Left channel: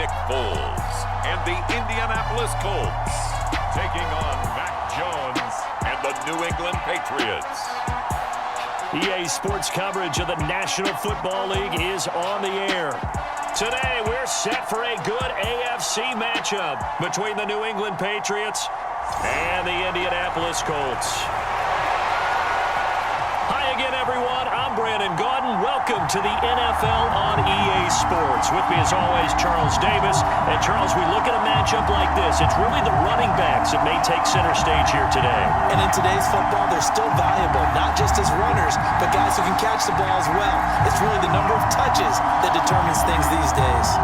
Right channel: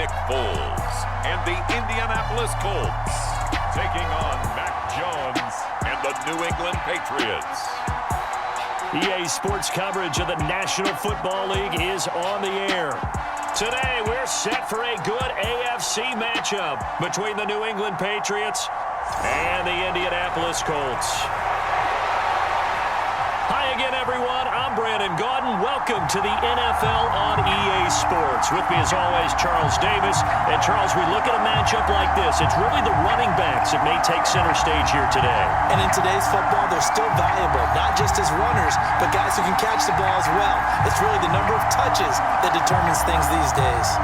Nick Foles and the Indianapolis Colts, taking on Mac Jones and the New England Patriots. EA Sports coverage of the National Football League is on the air. Today, we're set for a good AFC matchup between the New England Patriots and the Indianapolis Colts. Hi again, everyone. I'm Brandon Gaudin. Welcome to the NFL on EA Sports. With me, as always, Charles Davis. And, Charles, we look at a matchup like this. It's really the running backs that may take center stage here today. And in today's football, they're still valuable, not just as runners, but guys who can catch the ball as well. It's really the number of touches that determines things these days.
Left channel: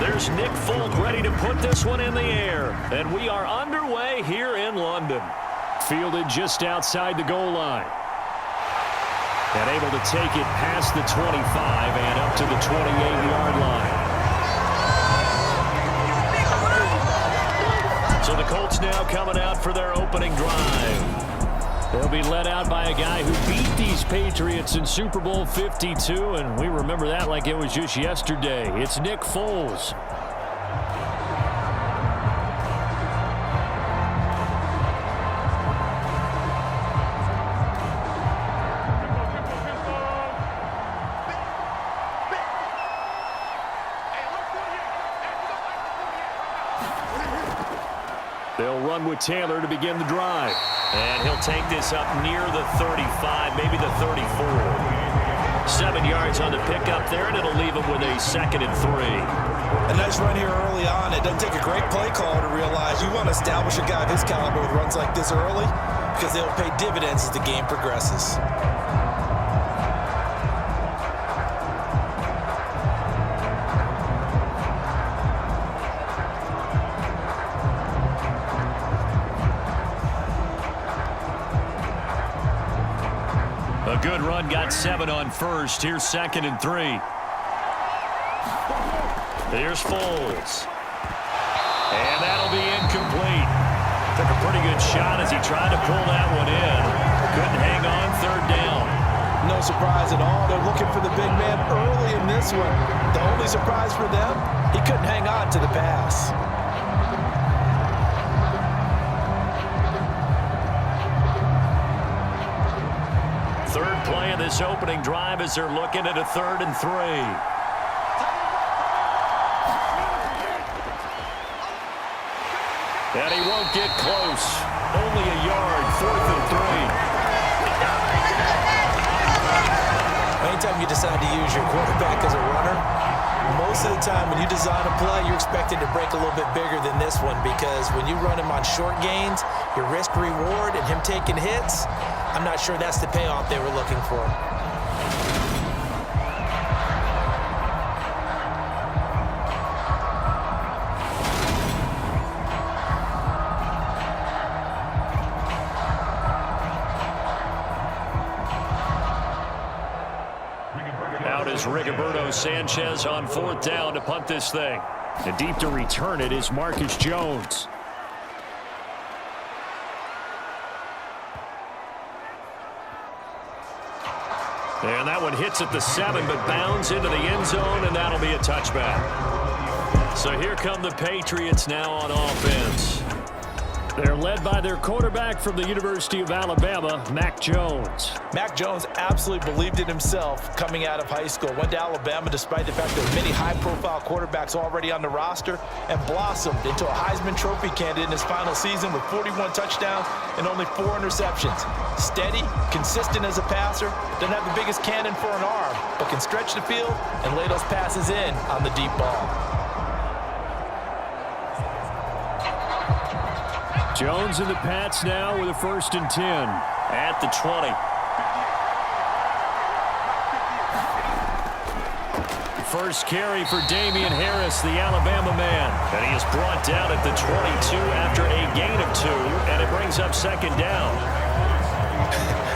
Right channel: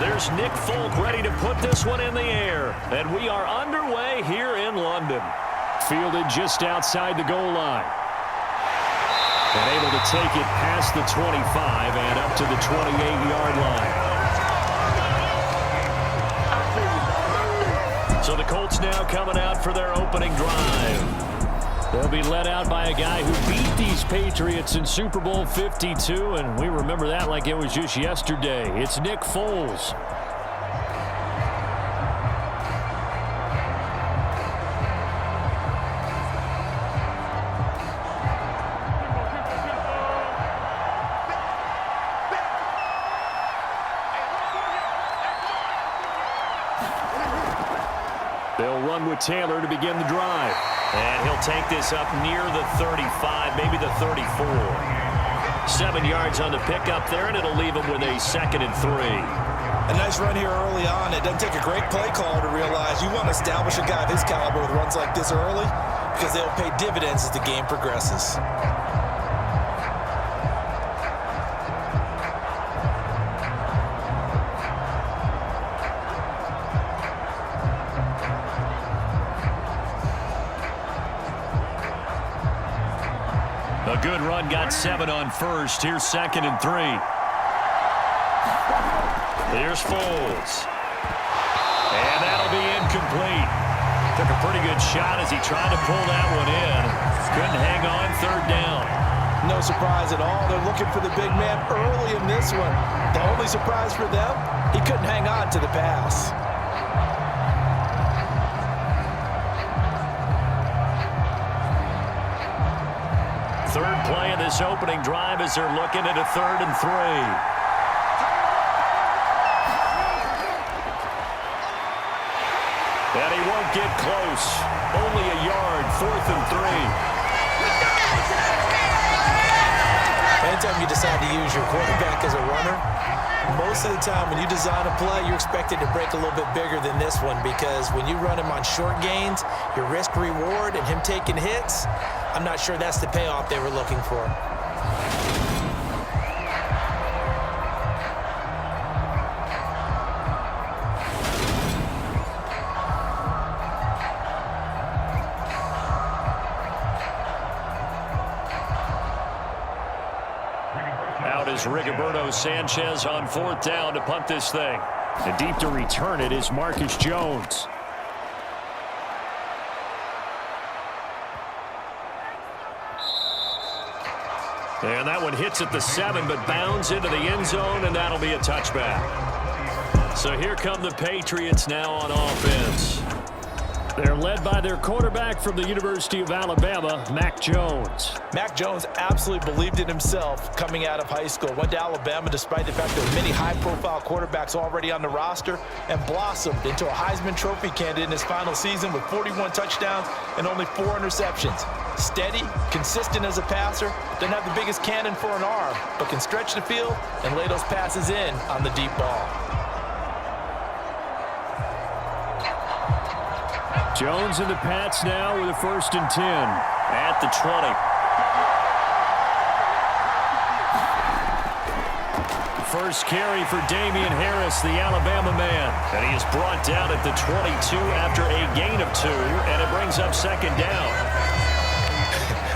There's Nick Folk ready to put this one in the air. And we are underway here in London. Fielded just outside the goal line. And able to take it past the 25 and up to the 28-yard line. So the Colts now coming out for their opening drive. They'll be led out by a guy who beat these Patriots in Super Bowl 52, and we remember that like it was just yesterday. It's Nick Foles. They'll run with Taylor to begin the drive. And he'll take this up near the 35, maybe the 34. 7 yards on the pickup there, and it'll leave him with a 2nd and 3. A nice run here early on. It doesn't take a great play caller to realize you want to establish a guy of his caliber with runs like this early because they'll pay dividends as the game progresses. A good run, got 7 on first. Here's 2nd and 3. Here's Foles. And that'll be incomplete. Took a pretty good shot as he tried to pull that one in. Couldn't hang on, 3rd down. No surprise at all. They're looking for the big man early in this one. The only surprise for them, he couldn't hang on to the pass. Third play of this opening drive as they're looking at a 3rd and 3. And he won't get close. Only a yard, 4th and 3. Anytime you decide to use your quarterback as a runner, most of the time when you design a play, you're expected to break a little bit bigger than this one because when you run him on short gains, your risk-reward and him taking hits, I'm not sure that's the payoff they were looking for. Out is Rigoberto Sanchez on 4th down to punt this thing. And deep to return it is Marcus Jones. And that one hits at the 7, but bounds into the end zone, and that'll be a touchback. So here come the Patriots now on offense. They're led by their quarterback from the University of Alabama, Mac Jones. Mac Jones absolutely believed in himself coming out of high school. Went to Alabama despite the fact there were many high-profile quarterbacks already on the roster and blossomed into a Heisman Trophy candidate in his final season with 41 touchdowns and only 4 interceptions. Steady, consistent as a passer, doesn't have the biggest cannon for an arm, but can stretch the field and lay those passes in on the deep ball. Jones and the Pats now with a 1st and 10 at the 20. First carry for Damian Harris, the Alabama man. And he is brought down at the 22 after a gain of 2, and it brings up 2nd down.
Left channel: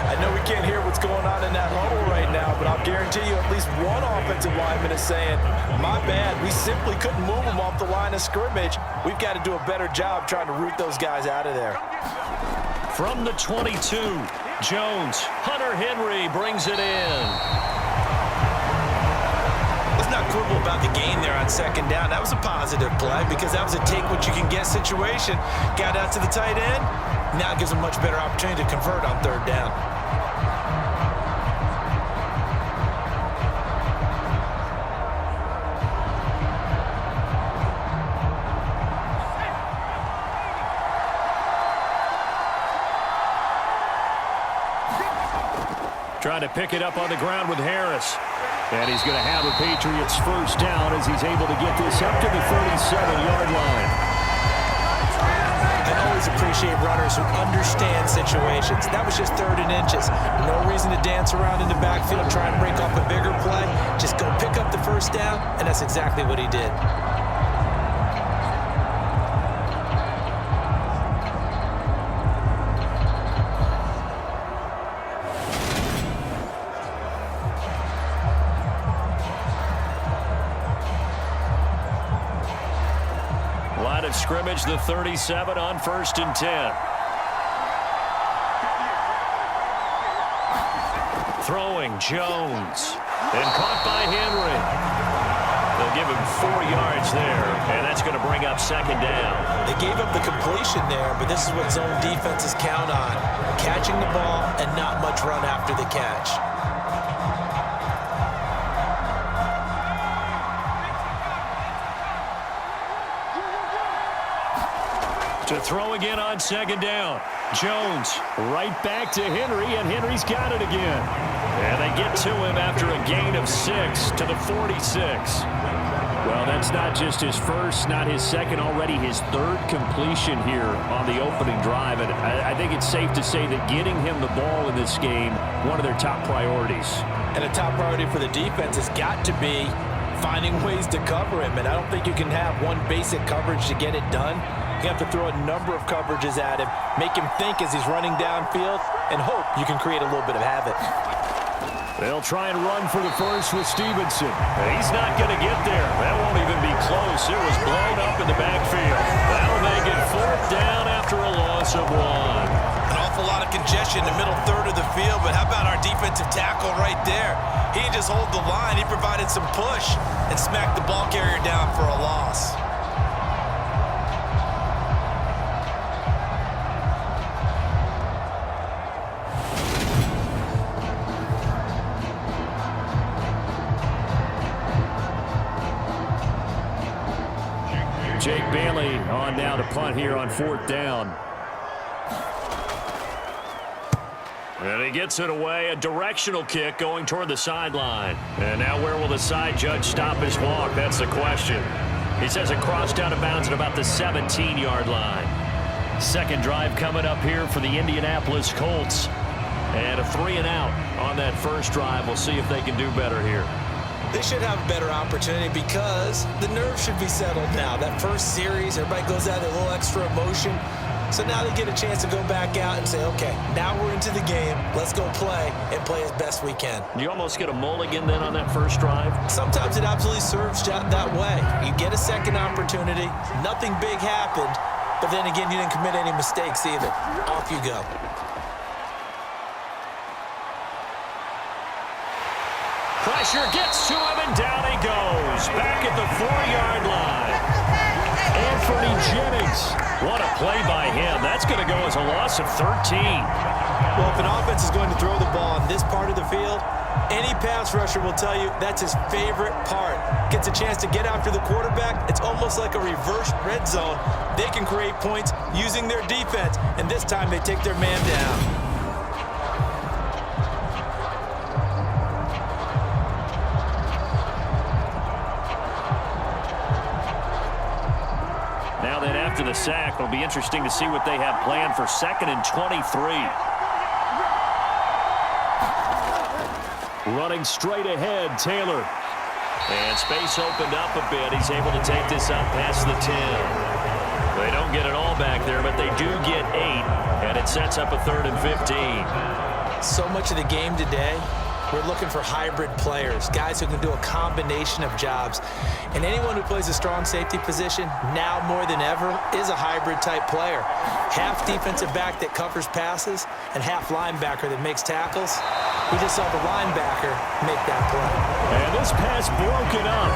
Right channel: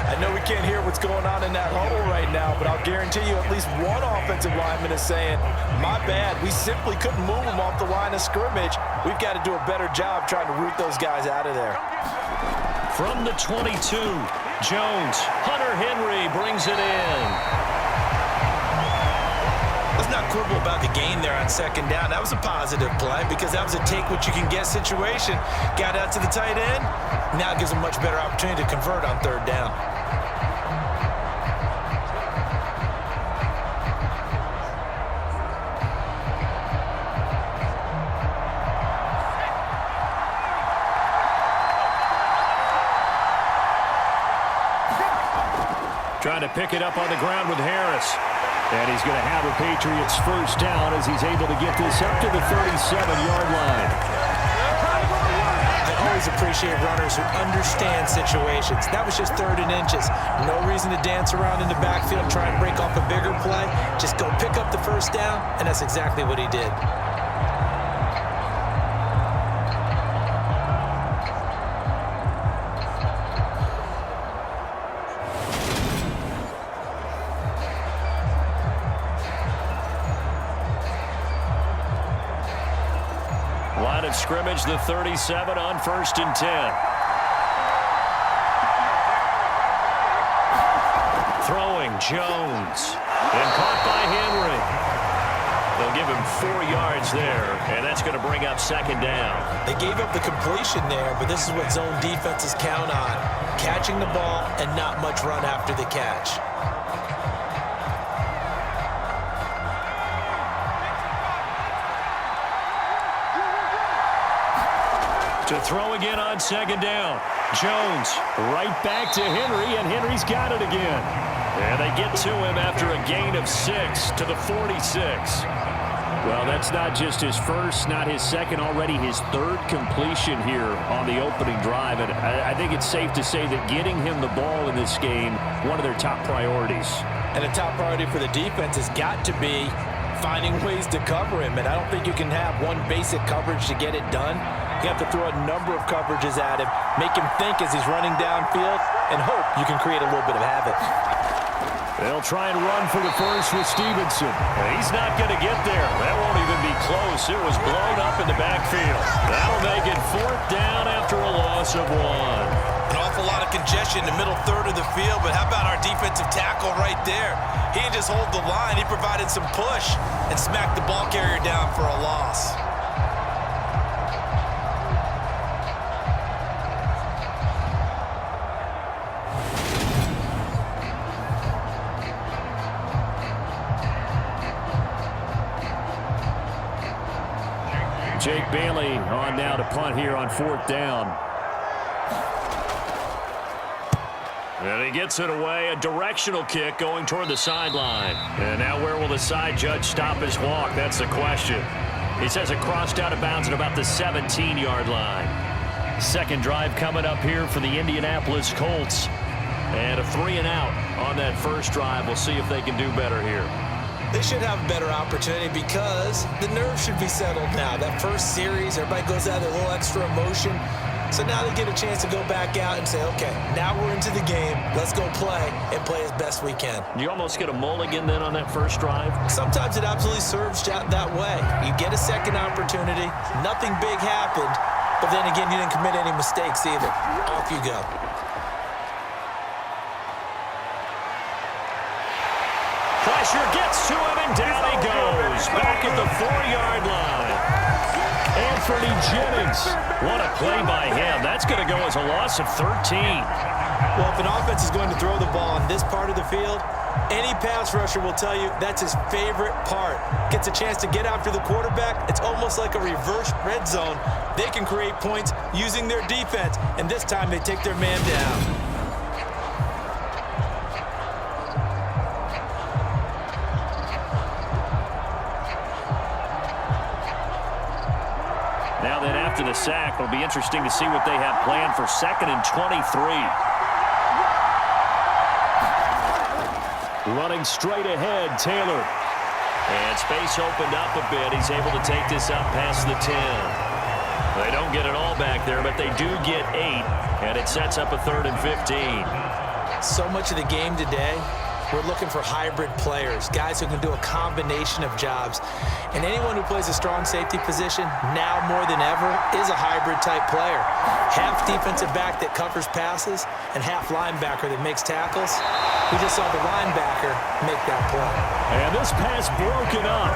I know we can't hear what's going on in that huddle right now, but I'll guarantee you at least one offensive lineman is saying, my bad, we simply couldn't move them off the line of scrimmage. We've got to do a better job trying to root those guys out of there. From the 22, Jones. Hunter Henry brings it in. Let's not quibble about the gain there on second down. That was a positive play because that was a take-what-you-can-get situation. Got out to the tight end. Now it gives them a much better opportunity to convert on third down. Trying to pick it up on the ground with Harris. And he's going to have a Patriots first down as he's able to get this up to the 37-yard line. I always appreciate runners who understand situations. That was just 3rd and inches. No reason to dance around in the backfield, try and break off a bigger play. Just go pick up the first down, and that's exactly what he did. Line of scrimmage, the 37 on 1st and 10. Throwing, Jones. And caught by Henry. They'll give him 4 yards there, and that's going to bring up second down. They gave up the completion there, but this is what zone defenses count on. Catching the ball and not much run after the catch. To throw again on second down. Jones right back to Henry, and Henry's got it again. And they get to him after a gain of 6 to the 46. Well, that's not just his first, not his second, already his 3rd completion here on the opening drive. And I think it's safe to say that getting him the ball in this game, one of their top priorities. And a top priority for the defense has got to be finding ways to cover him. And I don't think you can have one basic coverage to get it done. You have to throw a number of coverages at him, make him think as he's running downfield, and hope you can create a little bit of havoc. They'll try and run for the first with Stevenson. He's not going to get there. That won't even be close. It was blown up in the backfield. That'll make it 4th down after a loss of 1. An awful lot of congestion in the middle third of the field, but how about our defensive tackle right there? He didn't just hold the line. He provided some push and smacked the ball carrier down for a loss. Jake Bailey on now to punt here on 4th down. And he gets it away, a directional kick going toward the sideline. And now where will the side judge stop his walk? That's the question. He says it crossed out of bounds at about the 17-yard line. Second drive coming up here for the Indianapolis Colts. And a 3-and-out on that first drive. We'll see if they can do better here. They should have a better opportunity because the nerves should be settled now. That first series, everybody goes out with a little extra emotion. So now they get a chance to go back out and say, okay, now we're into the game. Let's go play and play as best we can. You almost get a mulligan then on that first drive? Sometimes it absolutely serves that way. You get a second opportunity. Nothing big happened. But then again, you didn't commit any mistakes either. Off you go. Pressure gets to him, and down he goes. Back at the 4-yard line. Anthony Jennings. What a play by him. That's going to go as a loss of 13. Well, if an offense is going to throw the ball in this part of the field, any pass rusher will tell you that's his favorite part. Gets a chance to get after the quarterback. It's almost like a reverse red zone. They can create points using their defense, and this time they take their man down. Now then, after the sack, it'll be interesting to see what they have planned for 2nd and 23. Running straight ahead, Taylor. And space opened up a bit. He's able to take this up past the 10. They don't get it all back there, but they do get 8, and it sets up a 3rd and 15. So much of the game today, we're looking for hybrid players, guys who can do a combination of jobs. And anyone who plays a strong safety position, now more than ever, is a hybrid-type player. Half defensive back that covers passes and half linebacker that makes tackles. We just saw the linebacker make that play. And this pass broken up.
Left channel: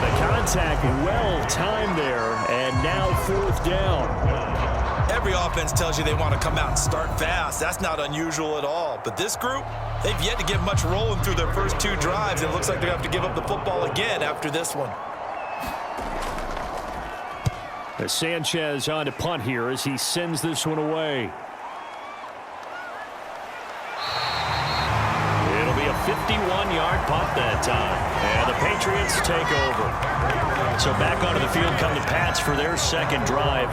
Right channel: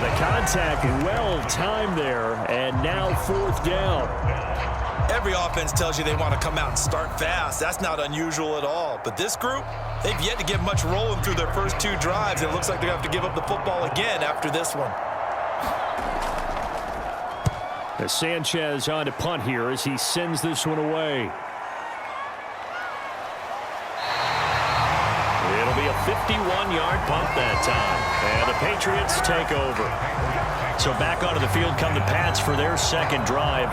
The contact well-timed there, and now 4th down. Every offense tells you they want to come out and start fast. That's not unusual at all. But this group, they've yet to get much rolling through their first 2 drives. It looks like they're going to have to give up the football again after this one. As Sanchez on to punt here as he sends this one away. It'll be a 51-yard punt that time. And the Patriots take over. So back onto the field come the Pats for their second drive.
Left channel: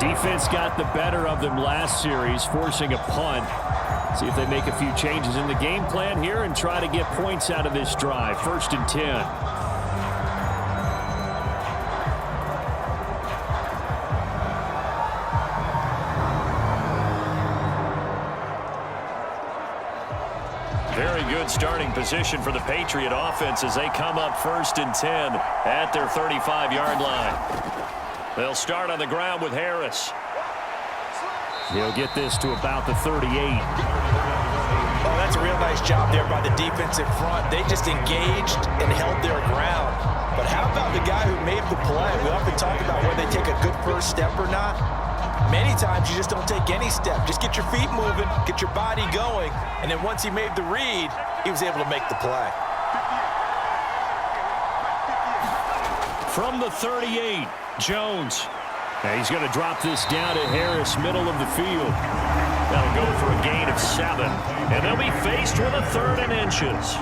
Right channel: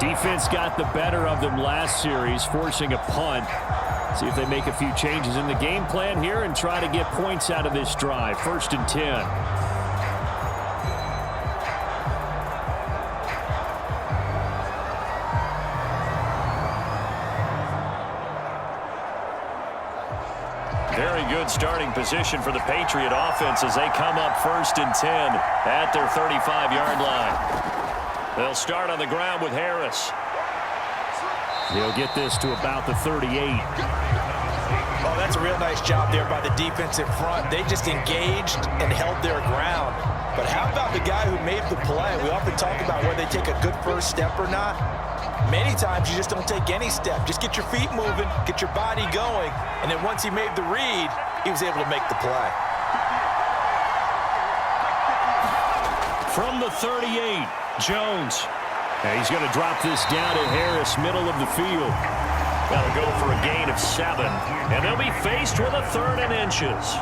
Defense got the better of them last series, forcing a punt. See if they make a few changes in the game plan here and try to get points out of this drive. 1st and 10. Very good starting position for the Patriot offense as they come up 1st and 10 at their 35-yard line. They'll start on the ground with Harris. He'll get this to about the 38. Oh, that's a real nice job there by the defensive front. They just engaged and held their ground. But how about the guy who made the play? We often talk about whether they take a good first step or not. Many times you just don't take any step. Just get your feet moving, get your body going, and then once he made the read, he was able to make the play. From the 38, Jones. And he's going to drop this down to Harris, middle of the field. That'll go for a gain of 7. And they'll be faced with a 3rd and inches.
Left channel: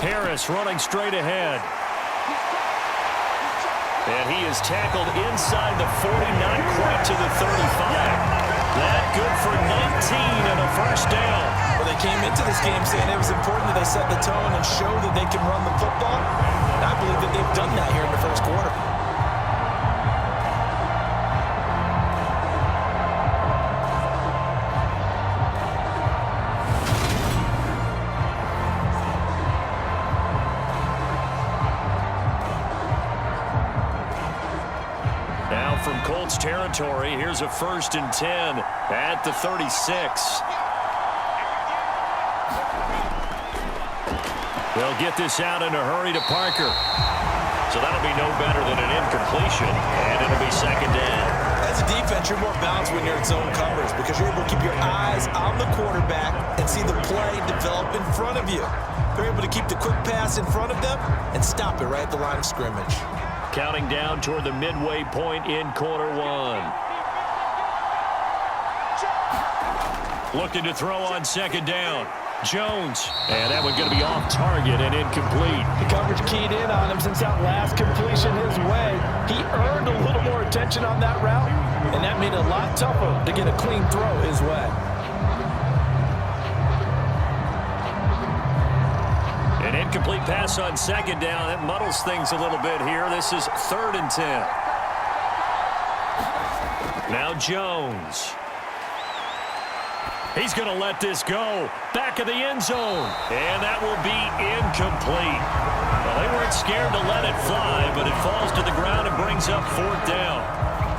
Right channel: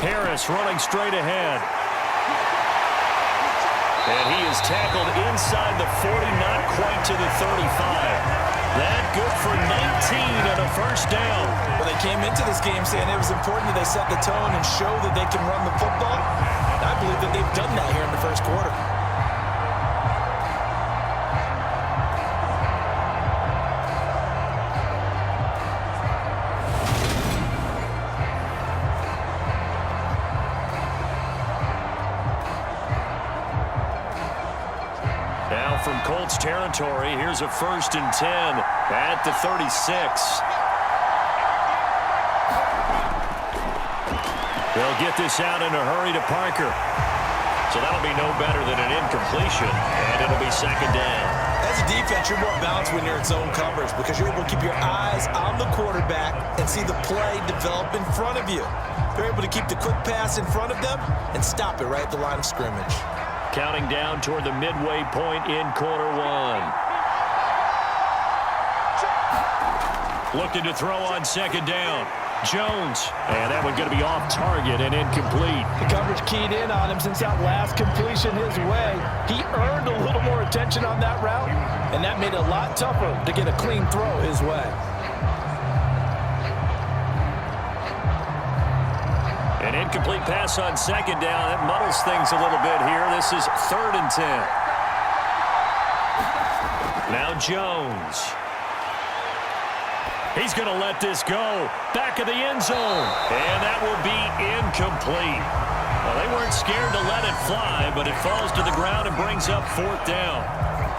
Harris running straight ahead. And he is tackled inside the 40, not quite to the 35. That good for 19 and a 1st down. Well, they came into this game saying it was important that they set the tone and show that they can run the football. And I believe that they've done that here in the 1st quarter. Now from Colts territory, here's a 1st and 10 at the 36. They'll get this out in a hurry to Parker. So that'll be no better than an incompletion, and it'll be 2nd down. As a defense, you're more balanced when you're in zone coverage because you're able to keep your eyes on the quarterback and see the play develop in front of you. They're able to keep the quick pass in front of them and stop it right at the line of scrimmage. Counting down toward the midway point in quarter 1. Looking to throw on 2nd down. Jones. And that one going to be off target and incomplete. The coverage keyed in on him since that last completion his way. He earned a little more attention on that route, and that made it a lot tougher to get a clean throw his way. An incomplete pass on 2nd down. That muddles things a little bit here. This is 3rd and 10. Now Jones. He's going to let this go. Back of the end zone. And that will be incomplete. Well, they weren't scared to let it fly, but it falls to the ground and brings up 4th down.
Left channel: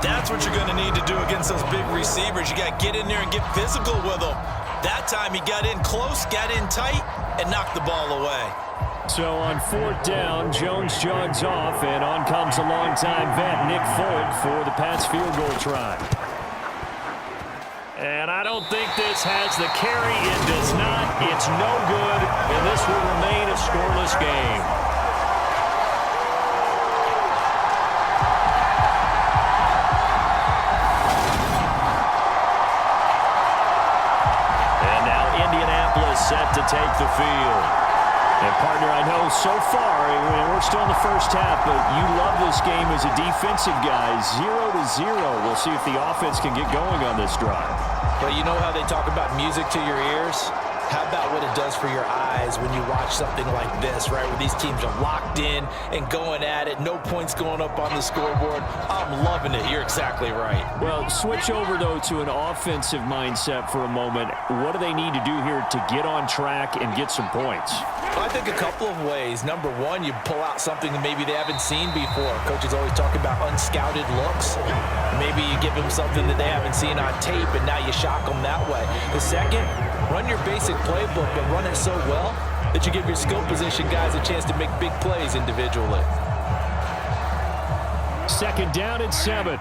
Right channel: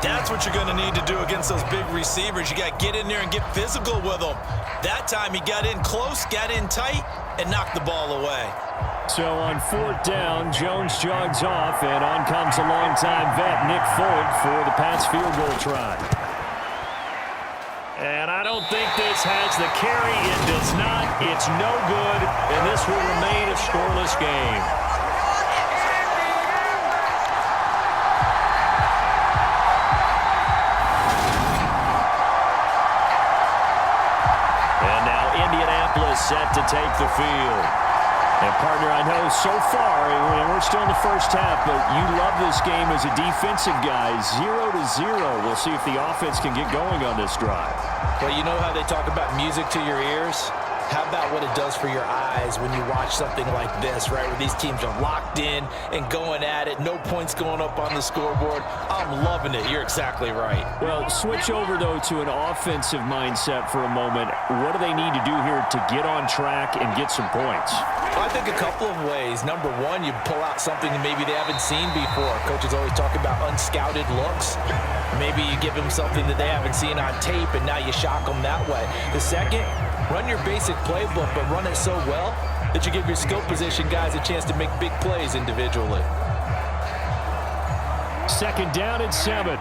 That's what you're going to need to do against those big receivers. You got to get in there and get physical with them. That time he got in close, got in tight, and knocked the ball away. So on 4th down, Jones jogs off, and on comes a longtime vet, Nick Folk, for the Pats field goal try. And I don't think this has the carry. It does not. It's no good, and this will remain a scoreless game. And now Indianapolis set to take the field. And, partner, I know so far, we're still in the first half, but you love this game as a defensive guy. 0-0. We'll see if the offense can get going on this drive. Well, you know how they talk about music to your ears? How about what it does for your eyes when you watch something like this, right, where these teams are locked in and going at it, no points going up on the scoreboard? I'm loving it. You're exactly right. Well, switch over, though, to an offensive mindset for a moment. What do they need to do here to get on track and get some points? Well, I think a couple of ways. Number one, you pull out something that maybe they haven't seen before. Coaches always talk about unscouted looks. Maybe you give them something that they haven't seen on tape, and now you shock them that way. The second, run your basic playbook, but run it so well that you give your skill position guys a chance to make big plays individually. Second down and 7.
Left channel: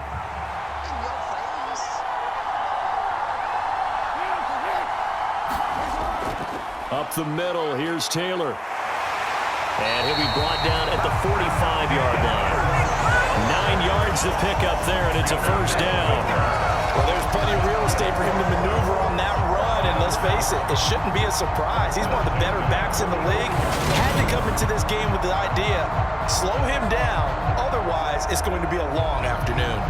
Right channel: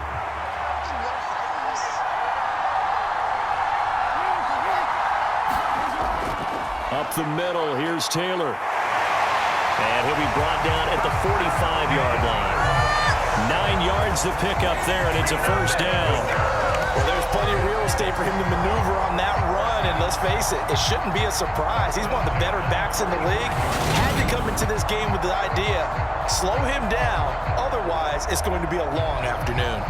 Up the middle, here's Taylor. And he'll be brought down at the 45-yard line. 9 yards to pick up there, and it's a first down. Well, there's plenty of real estate for him to maneuver on that run, and let's face it, it shouldn't be a surprise. He's one of the better backs in the league. Had to come into this game with the idea, slow him down, otherwise it's going to be a long afternoon.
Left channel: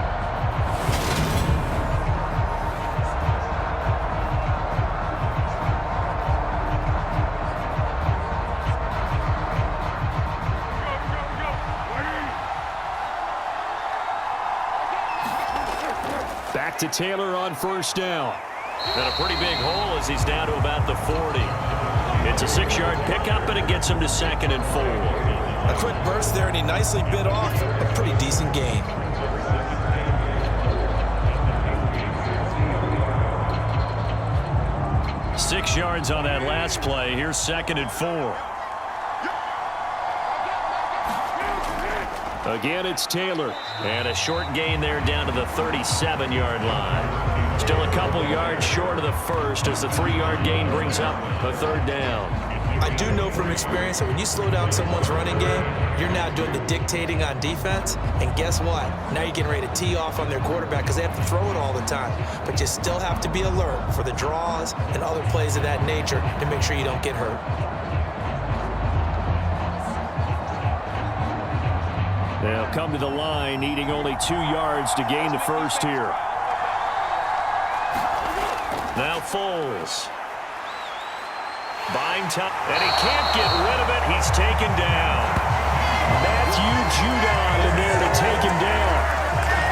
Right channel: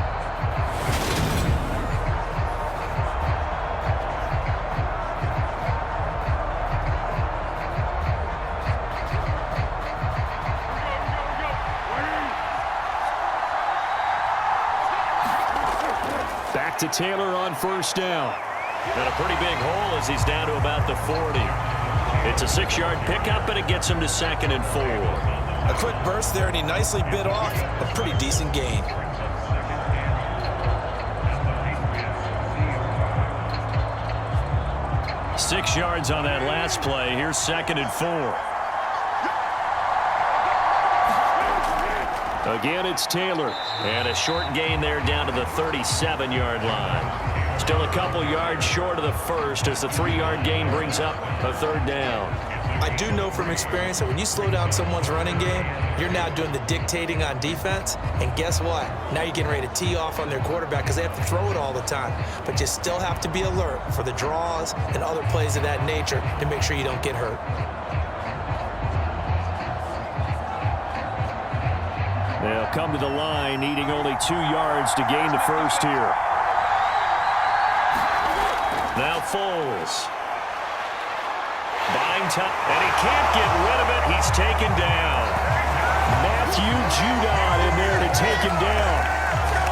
Back to Taylor on first down. And a pretty big hole as he's down to about the 40. It's a 6-yard pickup, and it gets him to 2nd and 4. A quick burst there, and he nicely bit off a pretty decent gain. Six yards on that last play. Here's 2nd and 4. Again, it's Taylor. And a short gain there down to the 37-yard line. Still a couple yards short of the first as the 3-yard gain brings up a 3rd down. I do know from experience that when you slow down someone's running game, you're now doing the dictating on defense. And guess what? Now you're getting ready to tee off on their quarterback because they have to throw it all the time. But you still have to be alert for the draws and other plays of that nature to make sure you don't get hurt. They'll come to the line, needing only 2 yards to gain the first here. Now Foles. Buying time, and he can't get rid of it. He's taken down. Matthew Judon in there to take him down.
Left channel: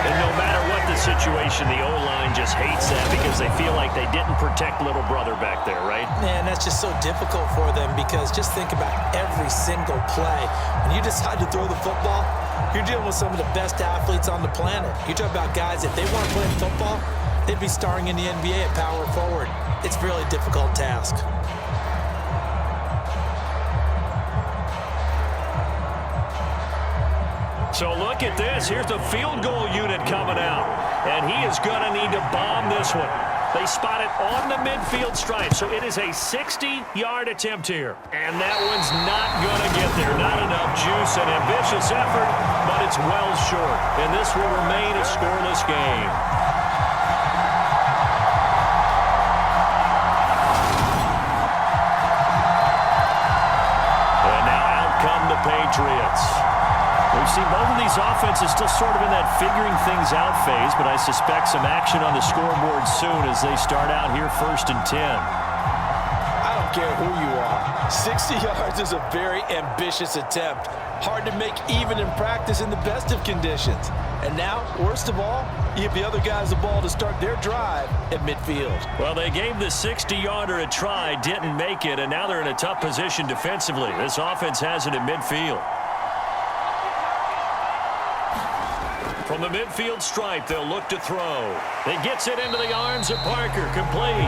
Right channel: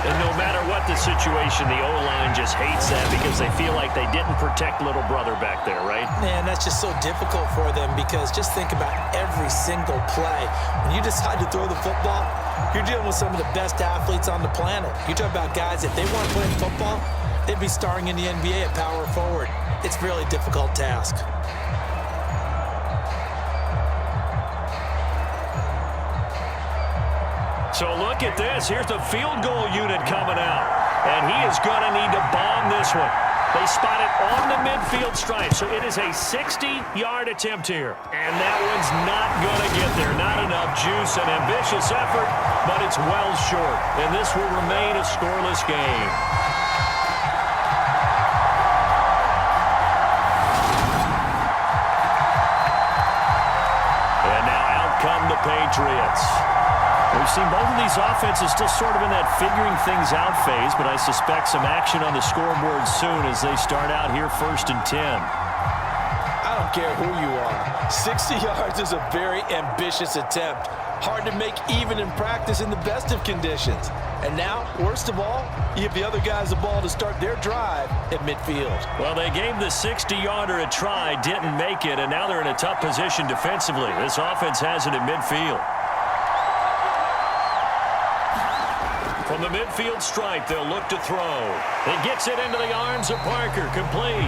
And no matter what the situation, the O-line just hates that because they feel like they didn't protect little brother back there, right? Man, that's just so difficult for them because just think about every single play. When you decide to throw the football, you're dealing with some of the best athletes on the planet. You talk about guys, if they weren't playing football, they'd be starring in the NBA at power forward. It's a really difficult task. So look at this. Here's the field goal unit coming out. And he is going to need to bomb this one. They spot it on the midfield stripe. So it is a 60-yard attempt here. And that one's not going to get there. Not enough juice. An ambitious effort, but it's well short. And this will remain a scoreless game. And now out come the Patriots. We've seen both of these offenses still sort of in that figuring things out phase, but I suspect some action on the scoreboard soon as they start out here 1st and 10. I don't care who you are. 60 yards is a very ambitious attempt. Hard to make even in practice in the best of conditions. And now, worst of all, you give the other guys the ball to start their drive at midfield. Well, they gave the 60-yarder a try, didn't make it, and now they're in a tough position defensively. This offense has it at midfield. From the midfield stripe, they'll look to throw. It gets it into the arms of Parker, complete.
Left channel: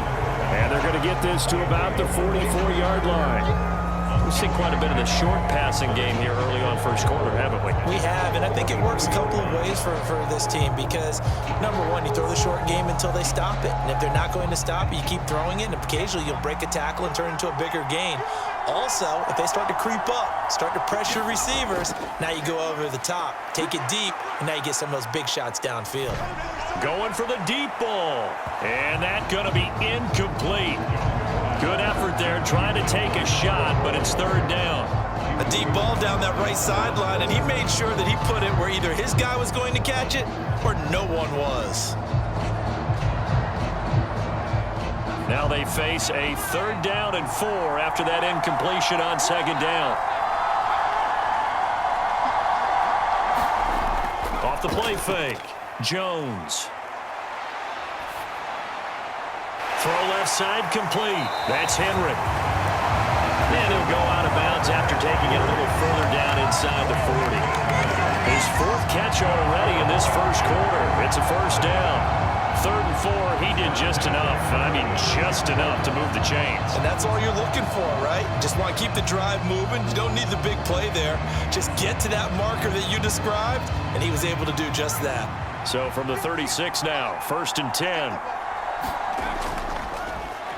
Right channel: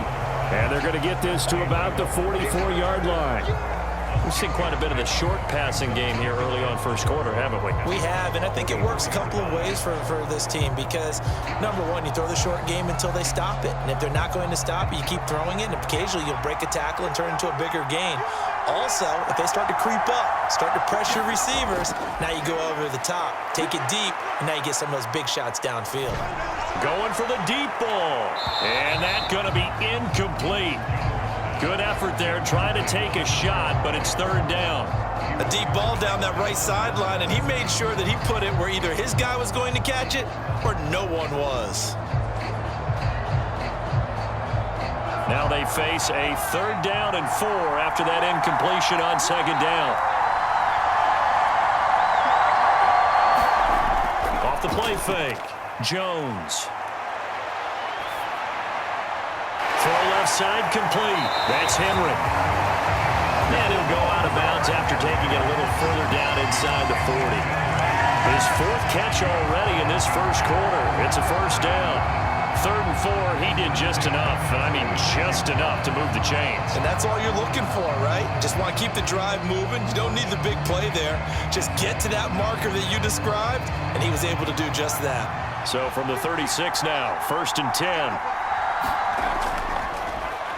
And they're going to get this to about the 44-yard line. We've seen quite a bit of the short passing game here early on first quarter, haven't we? We have, and I think it works a couple of ways for this team because, number one, you throw the short game until they stop it. And if they're not going to stop it, you keep throwing it, and occasionally you'll break a tackle and turn it into a bigger gain. Also, if they start to creep up, start to pressure receivers, now you go over the top, take it deep, and now you get some of those big shots downfield. Going for the deep ball, and that's going to be incomplete. Good effort there, trying to take a shot, but it's third down. A deep ball down that right sideline, and he made sure that he put it where either his guy was going to catch it or no one was. Now they face a 3rd down and 4 after that incompletion on 2nd down. Off the play fake, Jones. Throw left side complete. That's Henry. And he'll go out of bounds after taking it a little further down inside the 40. His 4th catch already in this first quarter. It's a 1st down. 3rd and 4, he did just enough, and I mean just enough to move the chains. And that's all you're looking for, right? Just want to keep the drive moving. You don't need the big play there. Just get to that marker that you described, and he was able to do just that. So from the 36 now, 1st and 10.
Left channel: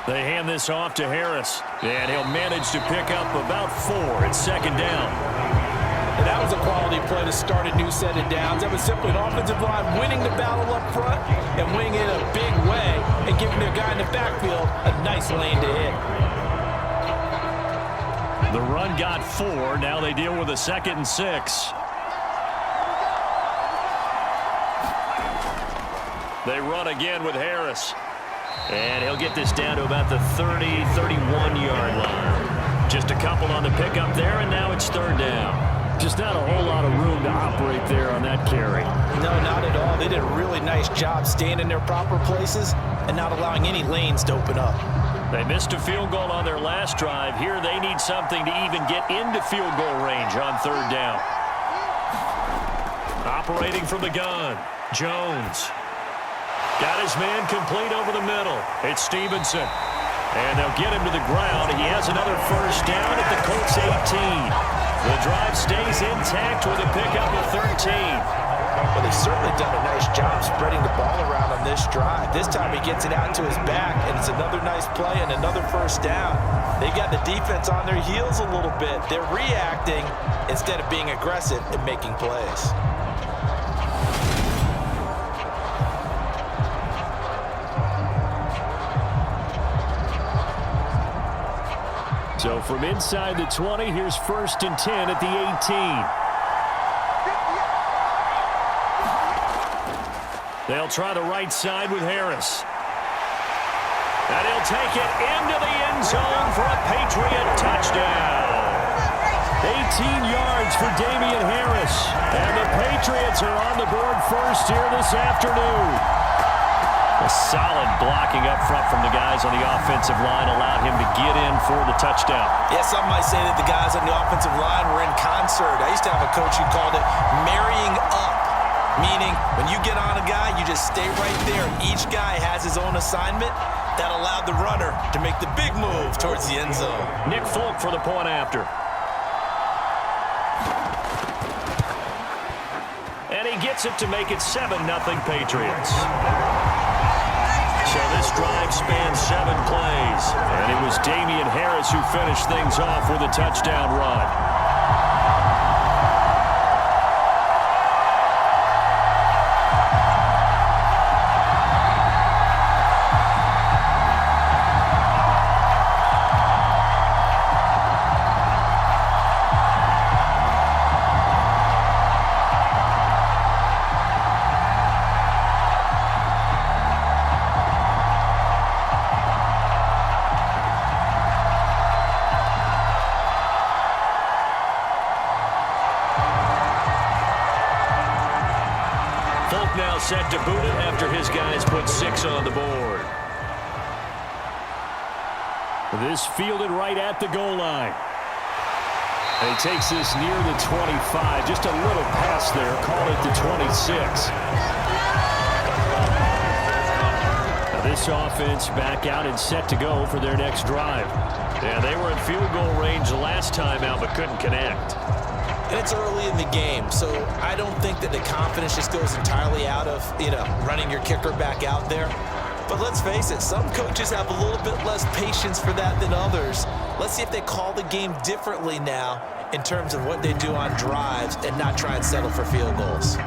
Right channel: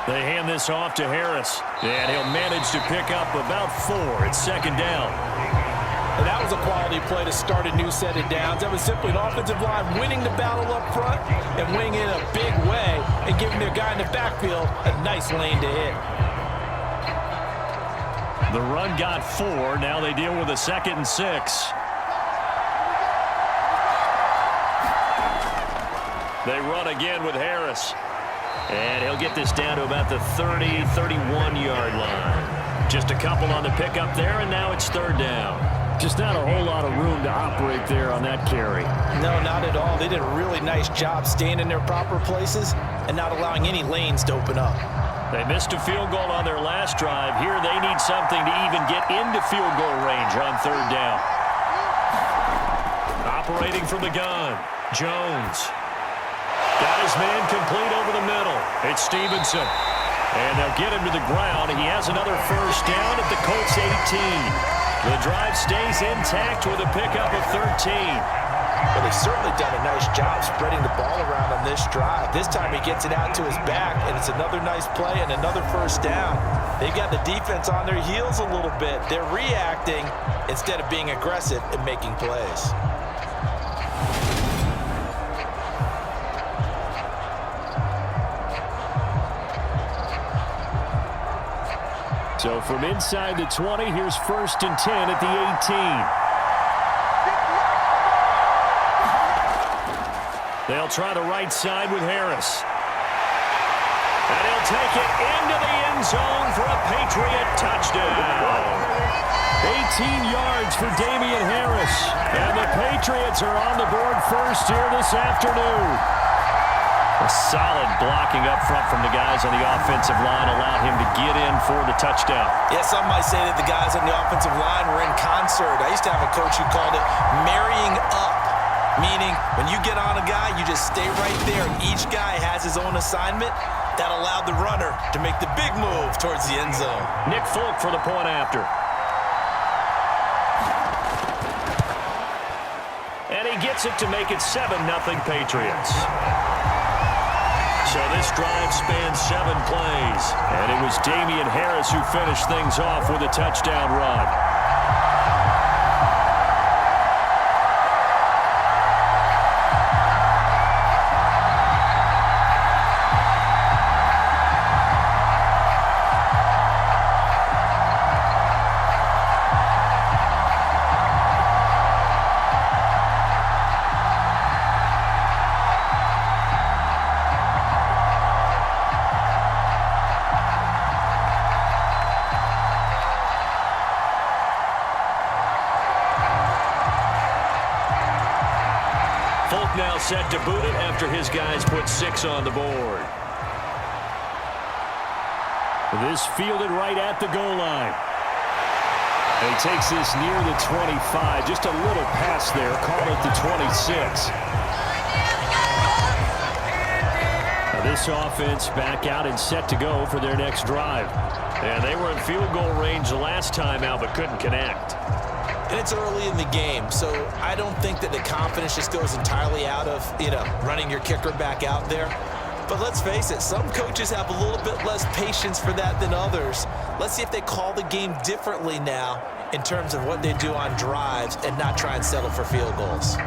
They hand this off to Harris, and he'll manage to pick up about 4 at 2nd down. And that was a quality play to start a new set of downs. That was simply an offensive line winning the battle up front and winning it a big way and giving their guy in the backfield a nice lane to hit. The run got 4. Now they deal with a 2nd and 6. They run again with Harris. And he'll get this down to about the 30, 31-yard line. Just a couple on the pickup there, and now it's 3rd down. Just not a whole lot of room to operate there on that carry. No, not at all. They did a really nice job staying in their proper places and not allowing any lanes to open up. They missed a field goal on their last drive. Here they need something to even get into field goal range on 3rd down. Operating from the gun, Jones. Got his man complete over the middle. It's Stevenson. And they'll get him to the ground. He has another 1st down at the Colts 18. The drive stays intact with a pickup of 13. Well, they've certainly done a nice job spreading the ball around on this drive. This time he gets it out to his back, and it's another nice play and another 1st down. They've got the defense on their heels a little bit. They're reacting instead of being aggressive and making plays. So from inside the 20, here's 1st and 10 at the 18. They'll try the right side with Harris. And he'll take it into the end zone for a Patriot touchdown. 18 yards for Damian Harris. And the Patriots are on the board first here this afternoon. A solid blocking up front from the guys on the offensive line allowed him to get in for the touchdown. Yeah, some might say that the guys on the offensive line were in concert. I used to have a coach who called it marrying up, meaning when you get on a guy, you just stay right there, and each guy has his own assignment. That allowed the runner to make the big move towards the end zone. Nick Folk for the point after. And he gets it to make it 7-0 Patriots. So this drive spans 7 plays, and it was Damian Harris who finished things off with a touchdown run. Folk now set to boot it after his guys put 6 on the board. This fielded right at the goal line. And he takes this near the 25. Just a little pass there. Call it the 26. Now this offense back out and set to go for their next drive. Yeah, they were in field goal range the last time out but couldn't connect. And it's early in the game, so I don't think that the confidence just goes entirely out of, running your kicker back out there. But let's face it, some coaches have a little bit less patience for that than others. Let's see if they call the game differently now in terms of what they do on drives and not try and settle for field goals.